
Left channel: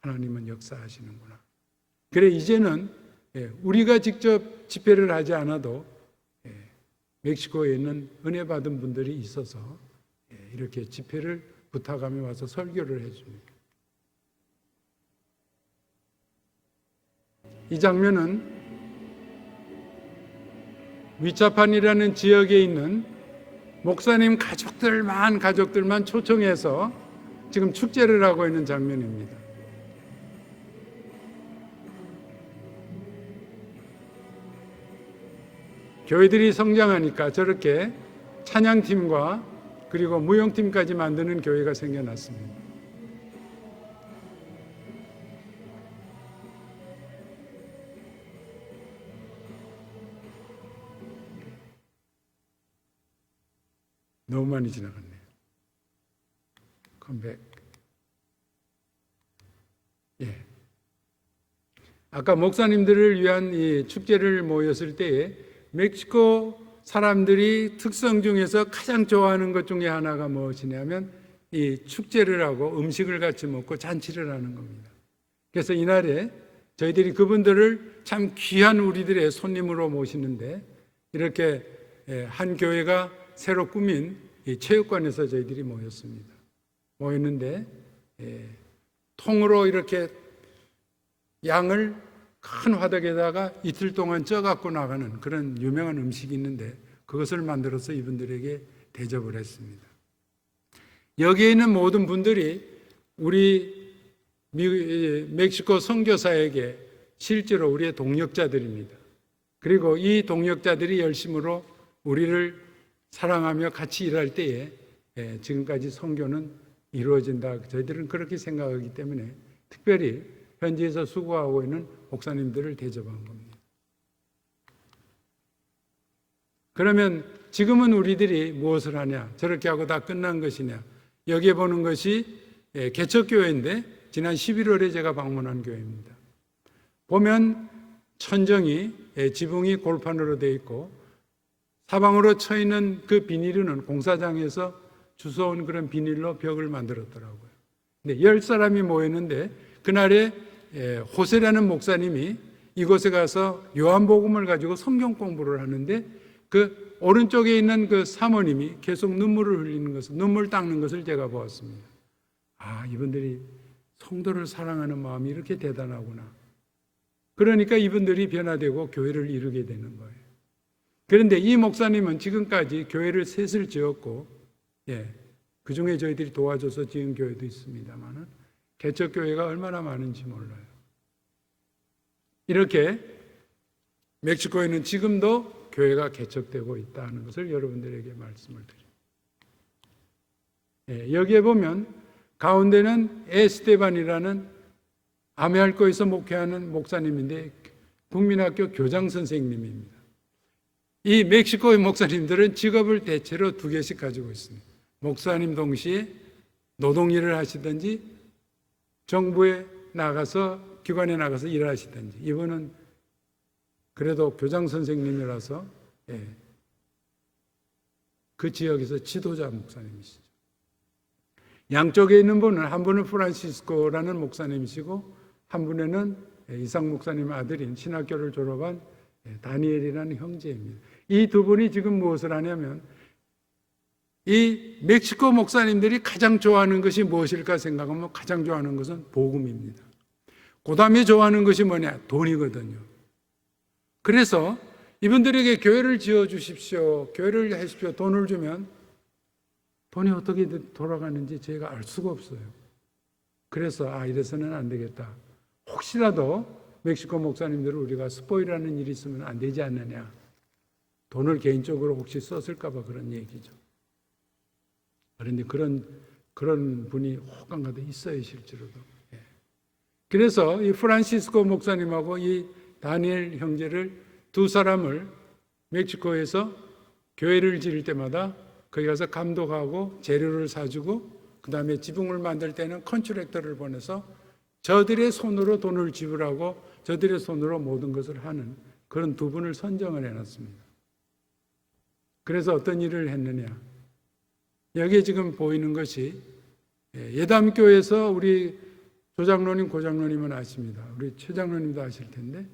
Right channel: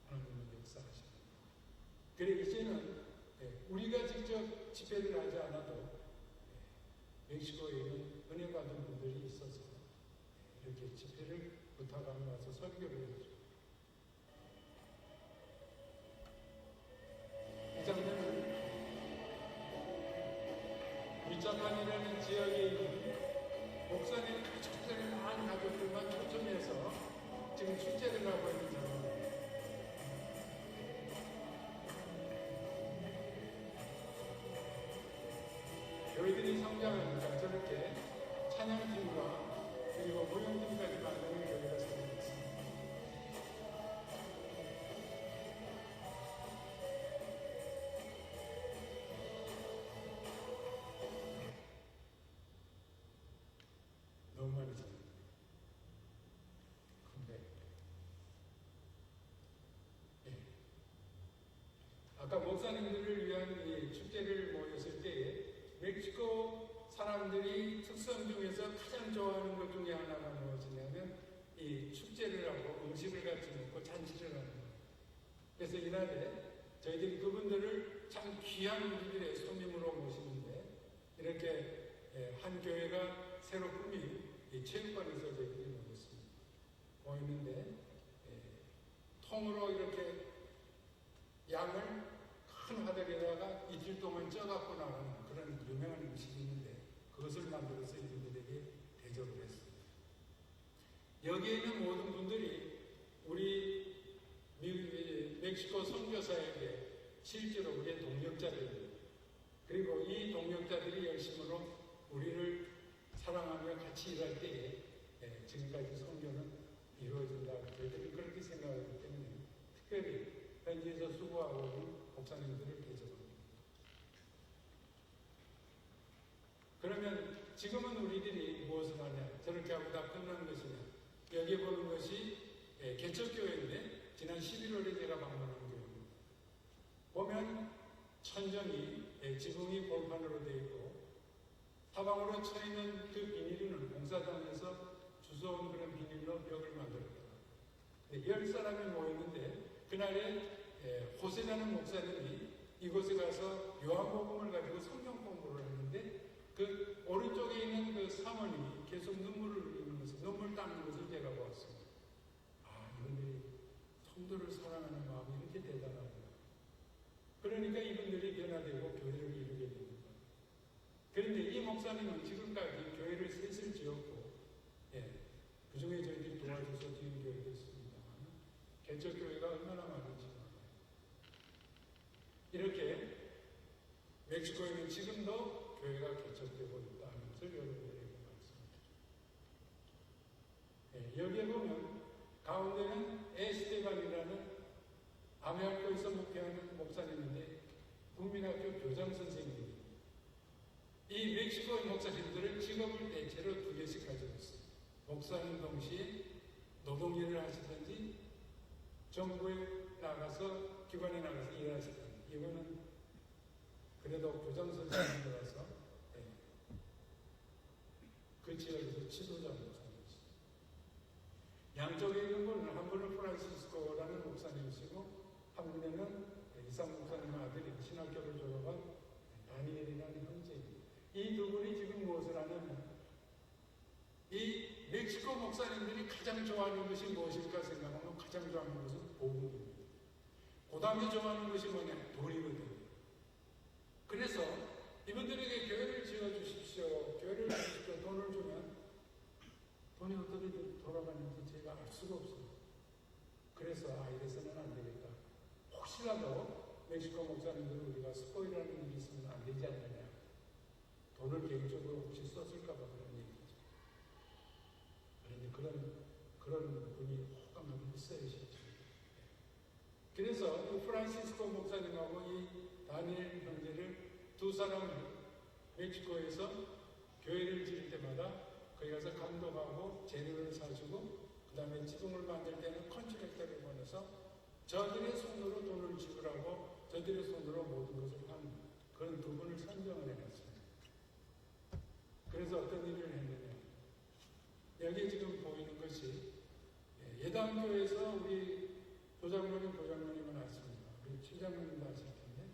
하나님은 역사하시는구나. 그래 이제는 우리가 직접 집회를 하지 않아도 멕시코에 있는 은혜 받은 분들이 있어서 이렇게 집회를 부탁하며 와서 설교를 해줍니다. 이 장면은 위차판이라는 지역에 있는 목사님 가족들만 초청해서 지금 축제를 하고 있는 장면입니다. 교회들이 성장하니까 저렇게 찬양팀과 그리고 무용팀까지 만드는 교회가 생겨났습니다. 너무 많이 지나갔네요. 컴백. 아까 목사님들을 위한 이 축제를 모였을 때에 멕시코 사람들이 특성 중에서 가장 좋아하는 것 중에 하나가 무엇이냐면 이 축제를 하고 음식을 같이 먹고 잔치를 하는 겁니다. 그래서 이날에 저희들이 그분들을 참 귀한 우리들의 손님으로 모시는데 이렇게 한 교회가 새로 꾸민 이 체육관에서 저희들이 모였는데 통으로 이렇게 양을 큰 화덕에다가 이틀 동안 쪄갖고 나가는 그런 유명한 음식이 있는데 그것을 만들어서 이분들에게 대접을 했습니다. 여기에 있는 모든 분들이 우리 멕시코 선교사에게 실제로 우리의 동역자들입니다. 그리고 이 동역자들이 열심으로 우리를 사랑하며 같이 일할 때에 지금까지 선교는 이루어진다. 저희들은 그렇게 생각하기 때문에 특별히 현지에서 수고하고 있는 목사님들을 대접한 겁니다. 그러면 지금은 우리들이 무엇을 하냐? 저렇게 하고 다 끝난 것이냐? 여기에 보는 것이 개척교회인데 지난 11월에 제가 방문한 교회입니다. 보면 천정이 지붕이 골판으로 되어 있고 사방으로 쳐 있는 그 비닐은 공사장에서 주워온 그런 비닐로 벽을 만들었더라고요. 근데 10사람이 모였는데 그날에 호세라는 목사님이 이곳에 가서 요한복음을 가지고 성경 공부를 하는데 그 오른쪽에 있는 그 사모님이 계속 눈물을 흘리는 것을, 눈물 닦는 것을 제가 보았습니다. 이분들이 성도를 사랑하는 마음이 이렇게 대단하구나. 그러니까 이분들이 변화되고 교회를 이루게 되는 거예요. 그런데 이 목사님은 지금까지 교회를 셋을 지었고, 그 중에 저희들이 도와줘서 지은 교회도 있습니다만, 개척교회가 얼마나 많은지 몰라요. 이렇게 멕시코에는 지금도 교회가 개척되고 있다는 것을 여러분들에게 말씀을 드립니다. 여기에 보면 가운데는 에스테반이라는 아메알코에서 목회하는 목사님인데 국민학교 교장 선생님입니다. 이 멕시코의 목사님들은 직업을 대체로 두 개씩 가지고 있습니다. 목사님 동시에 노동일을 하시든지 정부에 나가서 기관에 나가서 일을 하시든지, 이분은 그래도 교장 선생님이라서 그 지역에서 지도자 목사님이시죠. 양쪽에 있는 분은, 한 분은 프란시스코라는 목사님이시고 한 분에는 이상 목사님의 아들인 신학교를 졸업한 다니엘이라는 형제입니다. 이 두 분이 지금 무엇을 하냐면, 이 멕시코 목사님들이 가장 좋아하는 것이 무엇일까 생각하면 가장 좋아하는 것은 복음입니다. 그 다음에 좋아하는 것이 뭐냐? 돈이거든요. 그래서 이분들에게 교회를 지어주십시오, 교회를 하십시오, 돈을 주면 돈이 어떻게 돌아가는지 저희가 알 수가 없어요. 그래서 이래서는 안 되겠다. 혹시라도 멕시코 목사님들을 우리가 스포일하는 일이 있으면 안 되지 않느냐. 돈을 개인적으로 혹시 썼을까 봐 그런 얘기죠. 그런데 그런 분이 혹한가도 있어요, 실제로도. 그래서 이 프란시스코 목사님하고 이 다니엘 형제를 두 사람을 멕시코에서 교회를 지을 때마다 거기 가서 감독하고 재료를 사주고, 그 다음에 지붕을 만들 때는 컨트랙터를 보내서 저들의 손으로 돈을 지불하고 저들의 손으로 모든 것을 하는 그런 두 분을 선정을 해놨습니다. 그래서 어떤 일을 했느냐, 여기에 지금 보이는 것이 예담교에서 우리 조장로님, 고장로님은 아십니다. 우리 최장로님도 아실 텐데,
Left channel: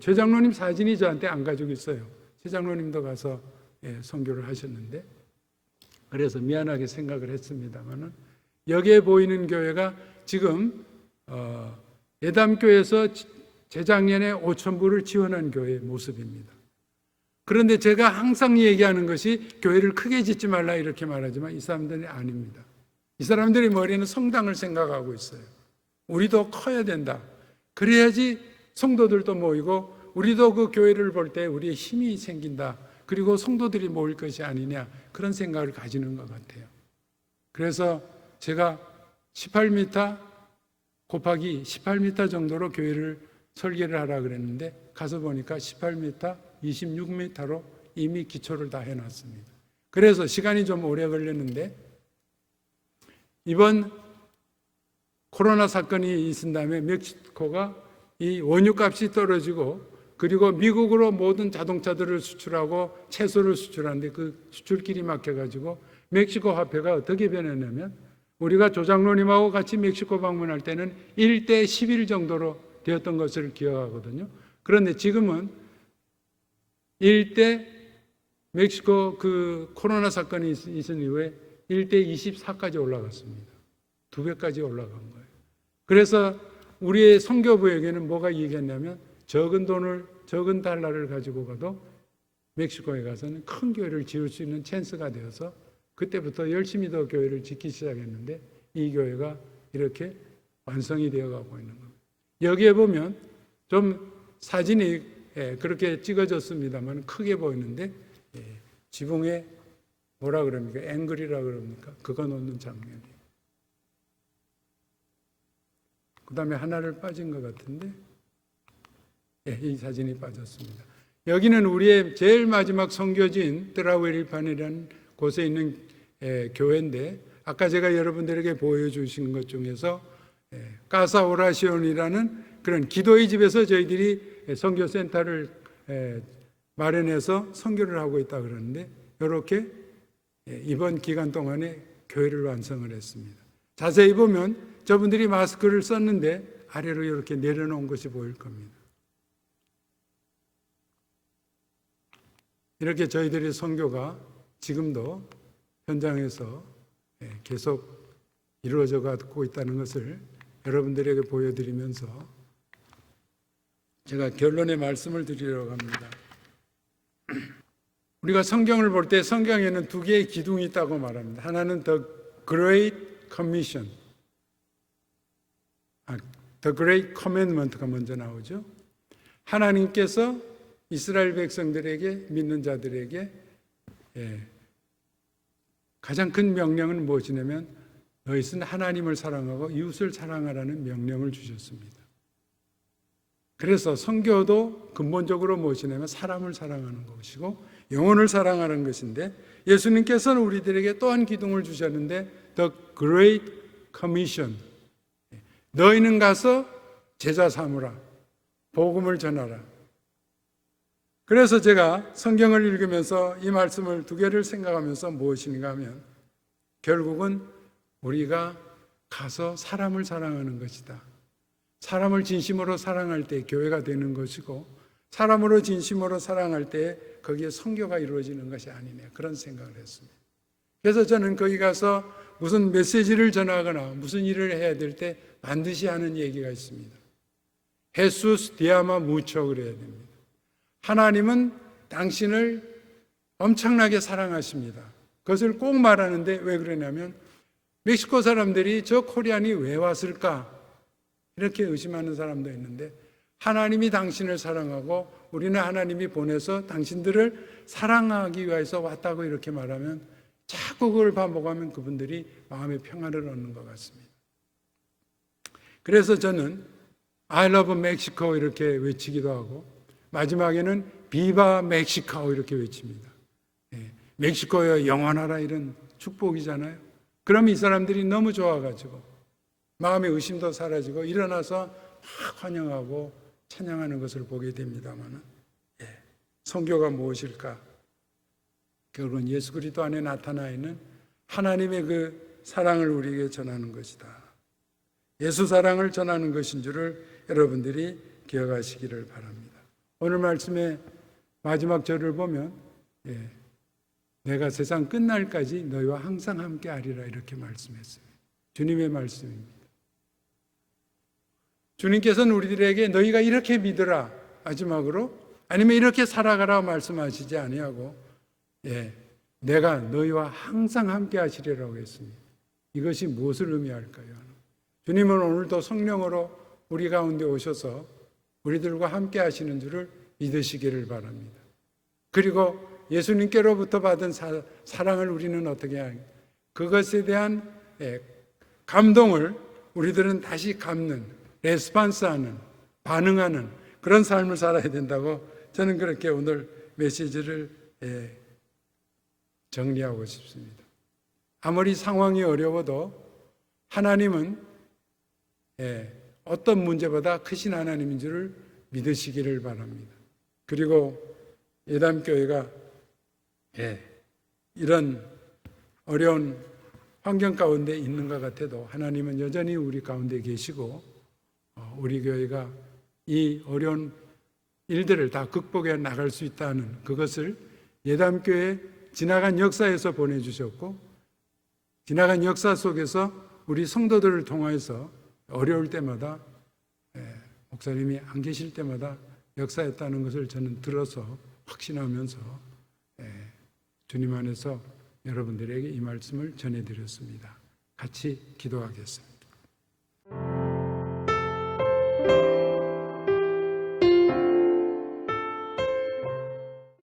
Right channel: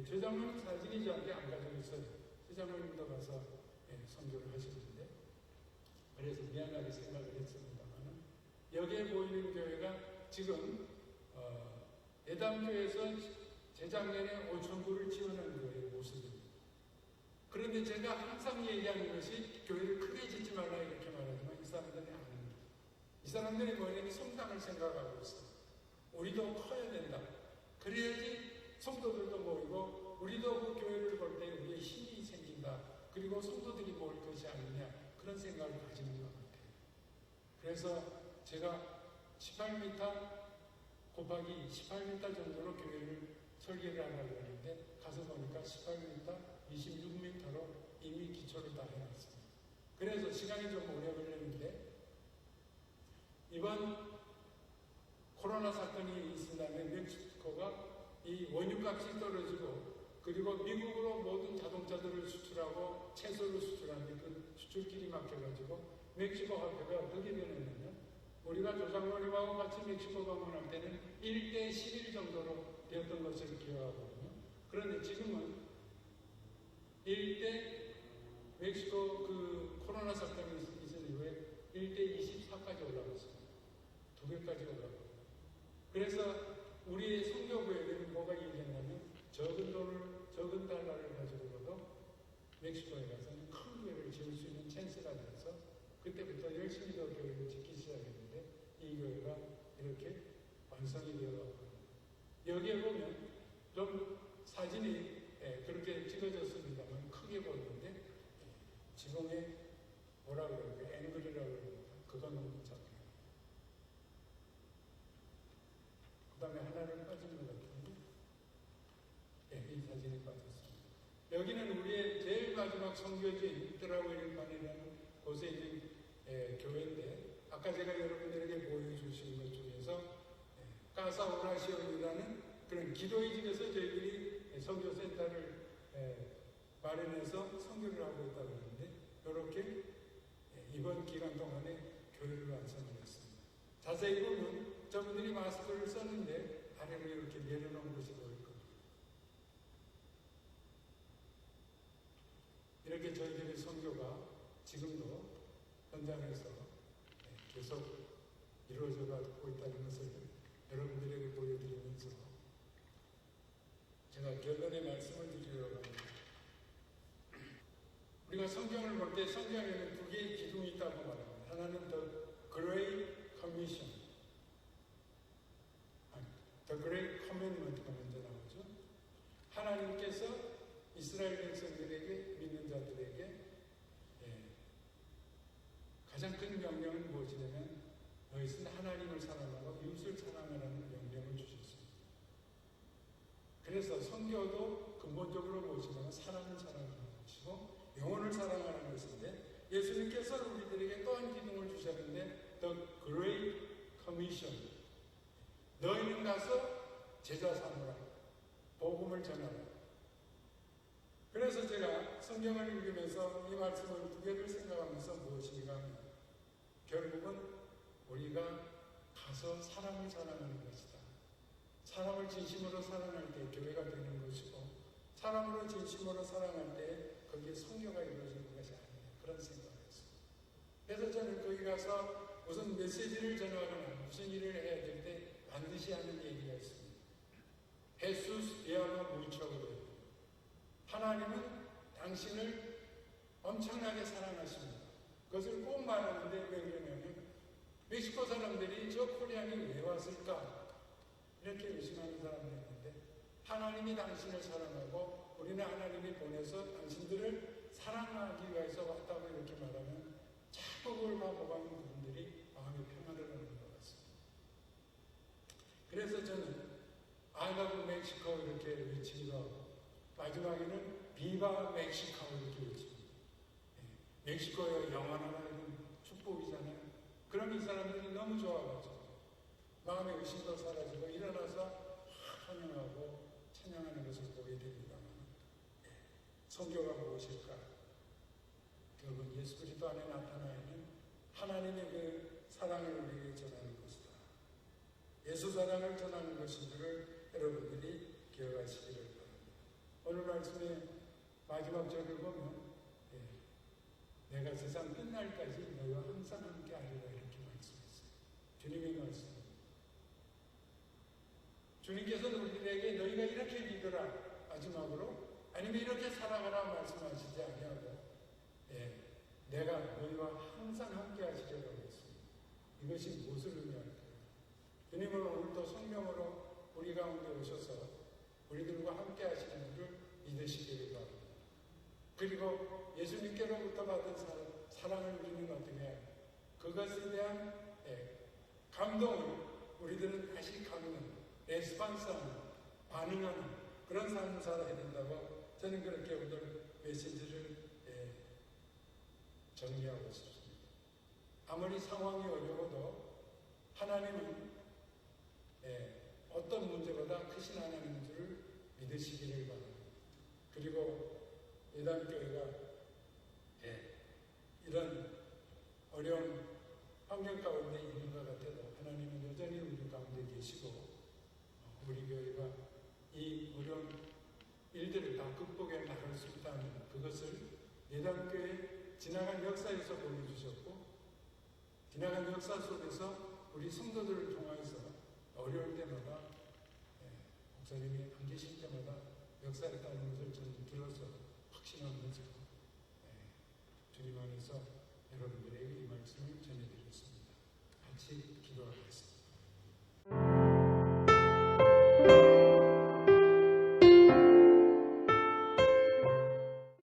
최장로님 사진이 저한테 안 가지고 있어요. 최장로님도 가서 선교를 하셨는데, 그래서 미안하게 생각을 했습니다만은, 여기에 보이는 교회가 지금 예담교에서 재작년에 5,000불을 지원한 교회의 모습입니다. 그런데 제가 항상 얘기하는 것이 교회를 크게 짓지 말라 이렇게 말하지만 이 사람들이 아닙니다. 이 사람들의 머리에는 성당을 생각하고 있어요. 우리도 커야 된다. 그래야지 성도들도 모이고 우리도 그 교회를 볼 때 우리의 힘이 생긴다. 그리고 성도들이 모일 것이 아니냐, 그런 생각을 가지는 것 같아요. 그래서 제가 18m 곱하기 18m 정도로 교회를 설계를 하라 그랬는데 가서 보니까 18m, 26m로 이미 기초를 다 해놨습니다. 그래서 시간이 좀 오래 걸렸는데, 이번 코로나 사건이 있은 다음에 멕시코가 이 원유값이 떨어지고, 그리고 미국으로 모든 자동차들을 수출하고 채소를 수출하는데 그 수출길이 막혀가지고 멕시코 화폐가 어떻게 변했냐면, 우리가 조장로님하고 같이 멕시코 방문할 때는 1대 11 정도로 되었던 것을 기억하거든요. 그런데 지금은 1대 멕시코 그 코로나 사건이 있은 이후에 1대 24까지 올라갔습니다. 2배까지 올라간 거예요. 그래서 우리의 선교부에게는 뭐가 얘기했냐면, 적은 돈을, 적은 달러를 가지고 가도 멕시코에 가서는 큰 교회를 지을 수 있는 찬스가 되어서 그때부터 열심히 더 교회를 짓기 시작했는데, 이 교회가 이렇게 완성이 되어 가고 있는 겁니다. 여기에 보면 좀 사진이 그렇게 찍어졌습니다만 크게 보이는데, 지붕에 뭐라 그럽니까? 앵글이라 그럽니까? 그거 놓는 장면이에요. 그 다음에 하나를 빠진 것 같은데, 이 사진이 빠졌습니다. 여기는 우리의 제일 마지막 선교지인 트라우엘판이라는 곳에 있는 교회인데, 아까 제가 여러분들에게 보여주신 것 중에서 까사 오라시온이라는 그런 기도의 집에서 저희들이 선교센터를 마련해서 선교를 하고 있다 그러는데, 이렇게 이번 기간 동안에 교회를 완성을 했습니다. 자세히 보면 저분들이 마스크를 썼는데 아래로 이렇게 내려놓은 것이 보일 겁니다. 이렇게 저희들의 선교가 지금도 현장에서 계속 이루어져 가고 있다는 것을 여러분들에게 보여드리면서 제가 결론의 말씀을 드리려고 합니다. 우리가 성경을 볼 때 성경에는 두 개의 기둥이 있다고 말합니다. 하나는 The Great Commission, The Great Commandment가 먼저 나오죠. 하나님께서 이스라엘 백성들에게, 믿는 자들에게 가장 큰 명령은 무엇이냐면, 너희는 하나님을 사랑하고 이웃을 사랑하라는 명령을 주셨습니다. 그래서 선교도 근본적으로 무엇이냐면 사람을 사랑하는 것이고 영혼을 사랑하는 것인데, 예수님께서는 우리들에게 또한 기둥을 주셨는데 The Great Commission, 너희는 가서 제자 삼으라, 복음을 전하라. 그래서 제가 성경을 읽으면서 이 말씀을 두 개를 생각하면서 무엇인가 하면, 결국은 우리가 가서 사람을 사랑하는 것이다. 사람을 진심으로 사랑할 때 교회가 되는 것이고, 사람으로 진심으로 사랑할 때 거기에 선교가 이루어지는 것이 아니네, 그런 생각을 했습니다. 그래서 저는 거기 가서 무슨 메시지를 전하거나 무슨 일을 해야 될 때 반드시 하는 얘기가 있습니다. 헤수스 디아마 무초 그래야 됩니다. 하나님은 당신을 엄청나게 사랑하십니다. 그것을 꼭 말하는데 왜 그러냐면, 멕시코 사람들이 저 코리안이 왜 왔을까 이렇게 의심하는 사람도 있는데, 하나님이 당신을 사랑하고 우리는 하나님이 보내서 당신들을 사랑하기 위해서 왔다고 이렇게 말하면, 자꾸 그걸 반복하면 그분들이 마음의 평안을 얻는 것 같습니다. 그래서 저는 I love Mexico 이렇게 외치기도 하고, 마지막에는 비바 멕시코 이렇게 외칩니다. 멕시코여 영원하라, 이런 축복이잖아요. 그럼 이 사람들이 너무 좋아가지고 마음의 의심도 사라지고 일어나서 막 환영하고 찬양하는 것을 보게 됩니다만, 선교가 무엇일까? 결국은 예수 그리스도 안에 나타나 있는 하나님의 그 사랑을 우리에게 전하는 것이다. 예수 사랑을 전하는 것인 줄을 여러분들이 기억하시기를 바랍니다. 오늘 말씀의 마지막 절을 보면, 내가 세상 끝날까지 너희와 항상 함께 하리라 이렇게 말씀했어요. 주님의 말씀입니다. 주님께서는 우리들에게 너희가 이렇게 믿으라 마지막으로, 아니면 이렇게 살아가라 말씀하시지 아니하고, 내가 너희와 항상 함께 하시리라고 했습니다. 이것이 무엇을 의미할까요? 주님은 오늘도 성령으로 우리 가운데 오셔서 우리들과 함께 하시는 줄을 믿으시기를 바랍니다. 그리고 예수님께로부터 받은 사랑을 우리는 어떻게 하냐, 그것에 대한 감동을 우리들은 다시 갚는, 레스판스하는, 반응하는 그런 삶을 살아야 된다고 저는 그렇게 오늘 메시지를 정리하고 싶습니다. 아무리 상황이 어려워도 하나님은 어떤 문제보다 크신 하나님인 줄을 믿으시기를 바랍니다. 그리고 예담교회가 이런 어려운 환경 가운데 있는 것 같아도 하나님은 여전히 우리 가운데 계시고, 우리 교회가 이 어려운 일들을 다 극복해 나갈 수 있다는 그것을 예담교회 지나간 역사에서 보내주셨고, 지나간 역사 속에서 우리 성도들을 통해서 어려울 때마다, 목사님이 안 계실 때마다 역사했다는 것을 저는 들어서 확신하면서 주님 안에서 여러분들에게 이 말씀을 전해드렸습니다. 같이 기도하겠습니다.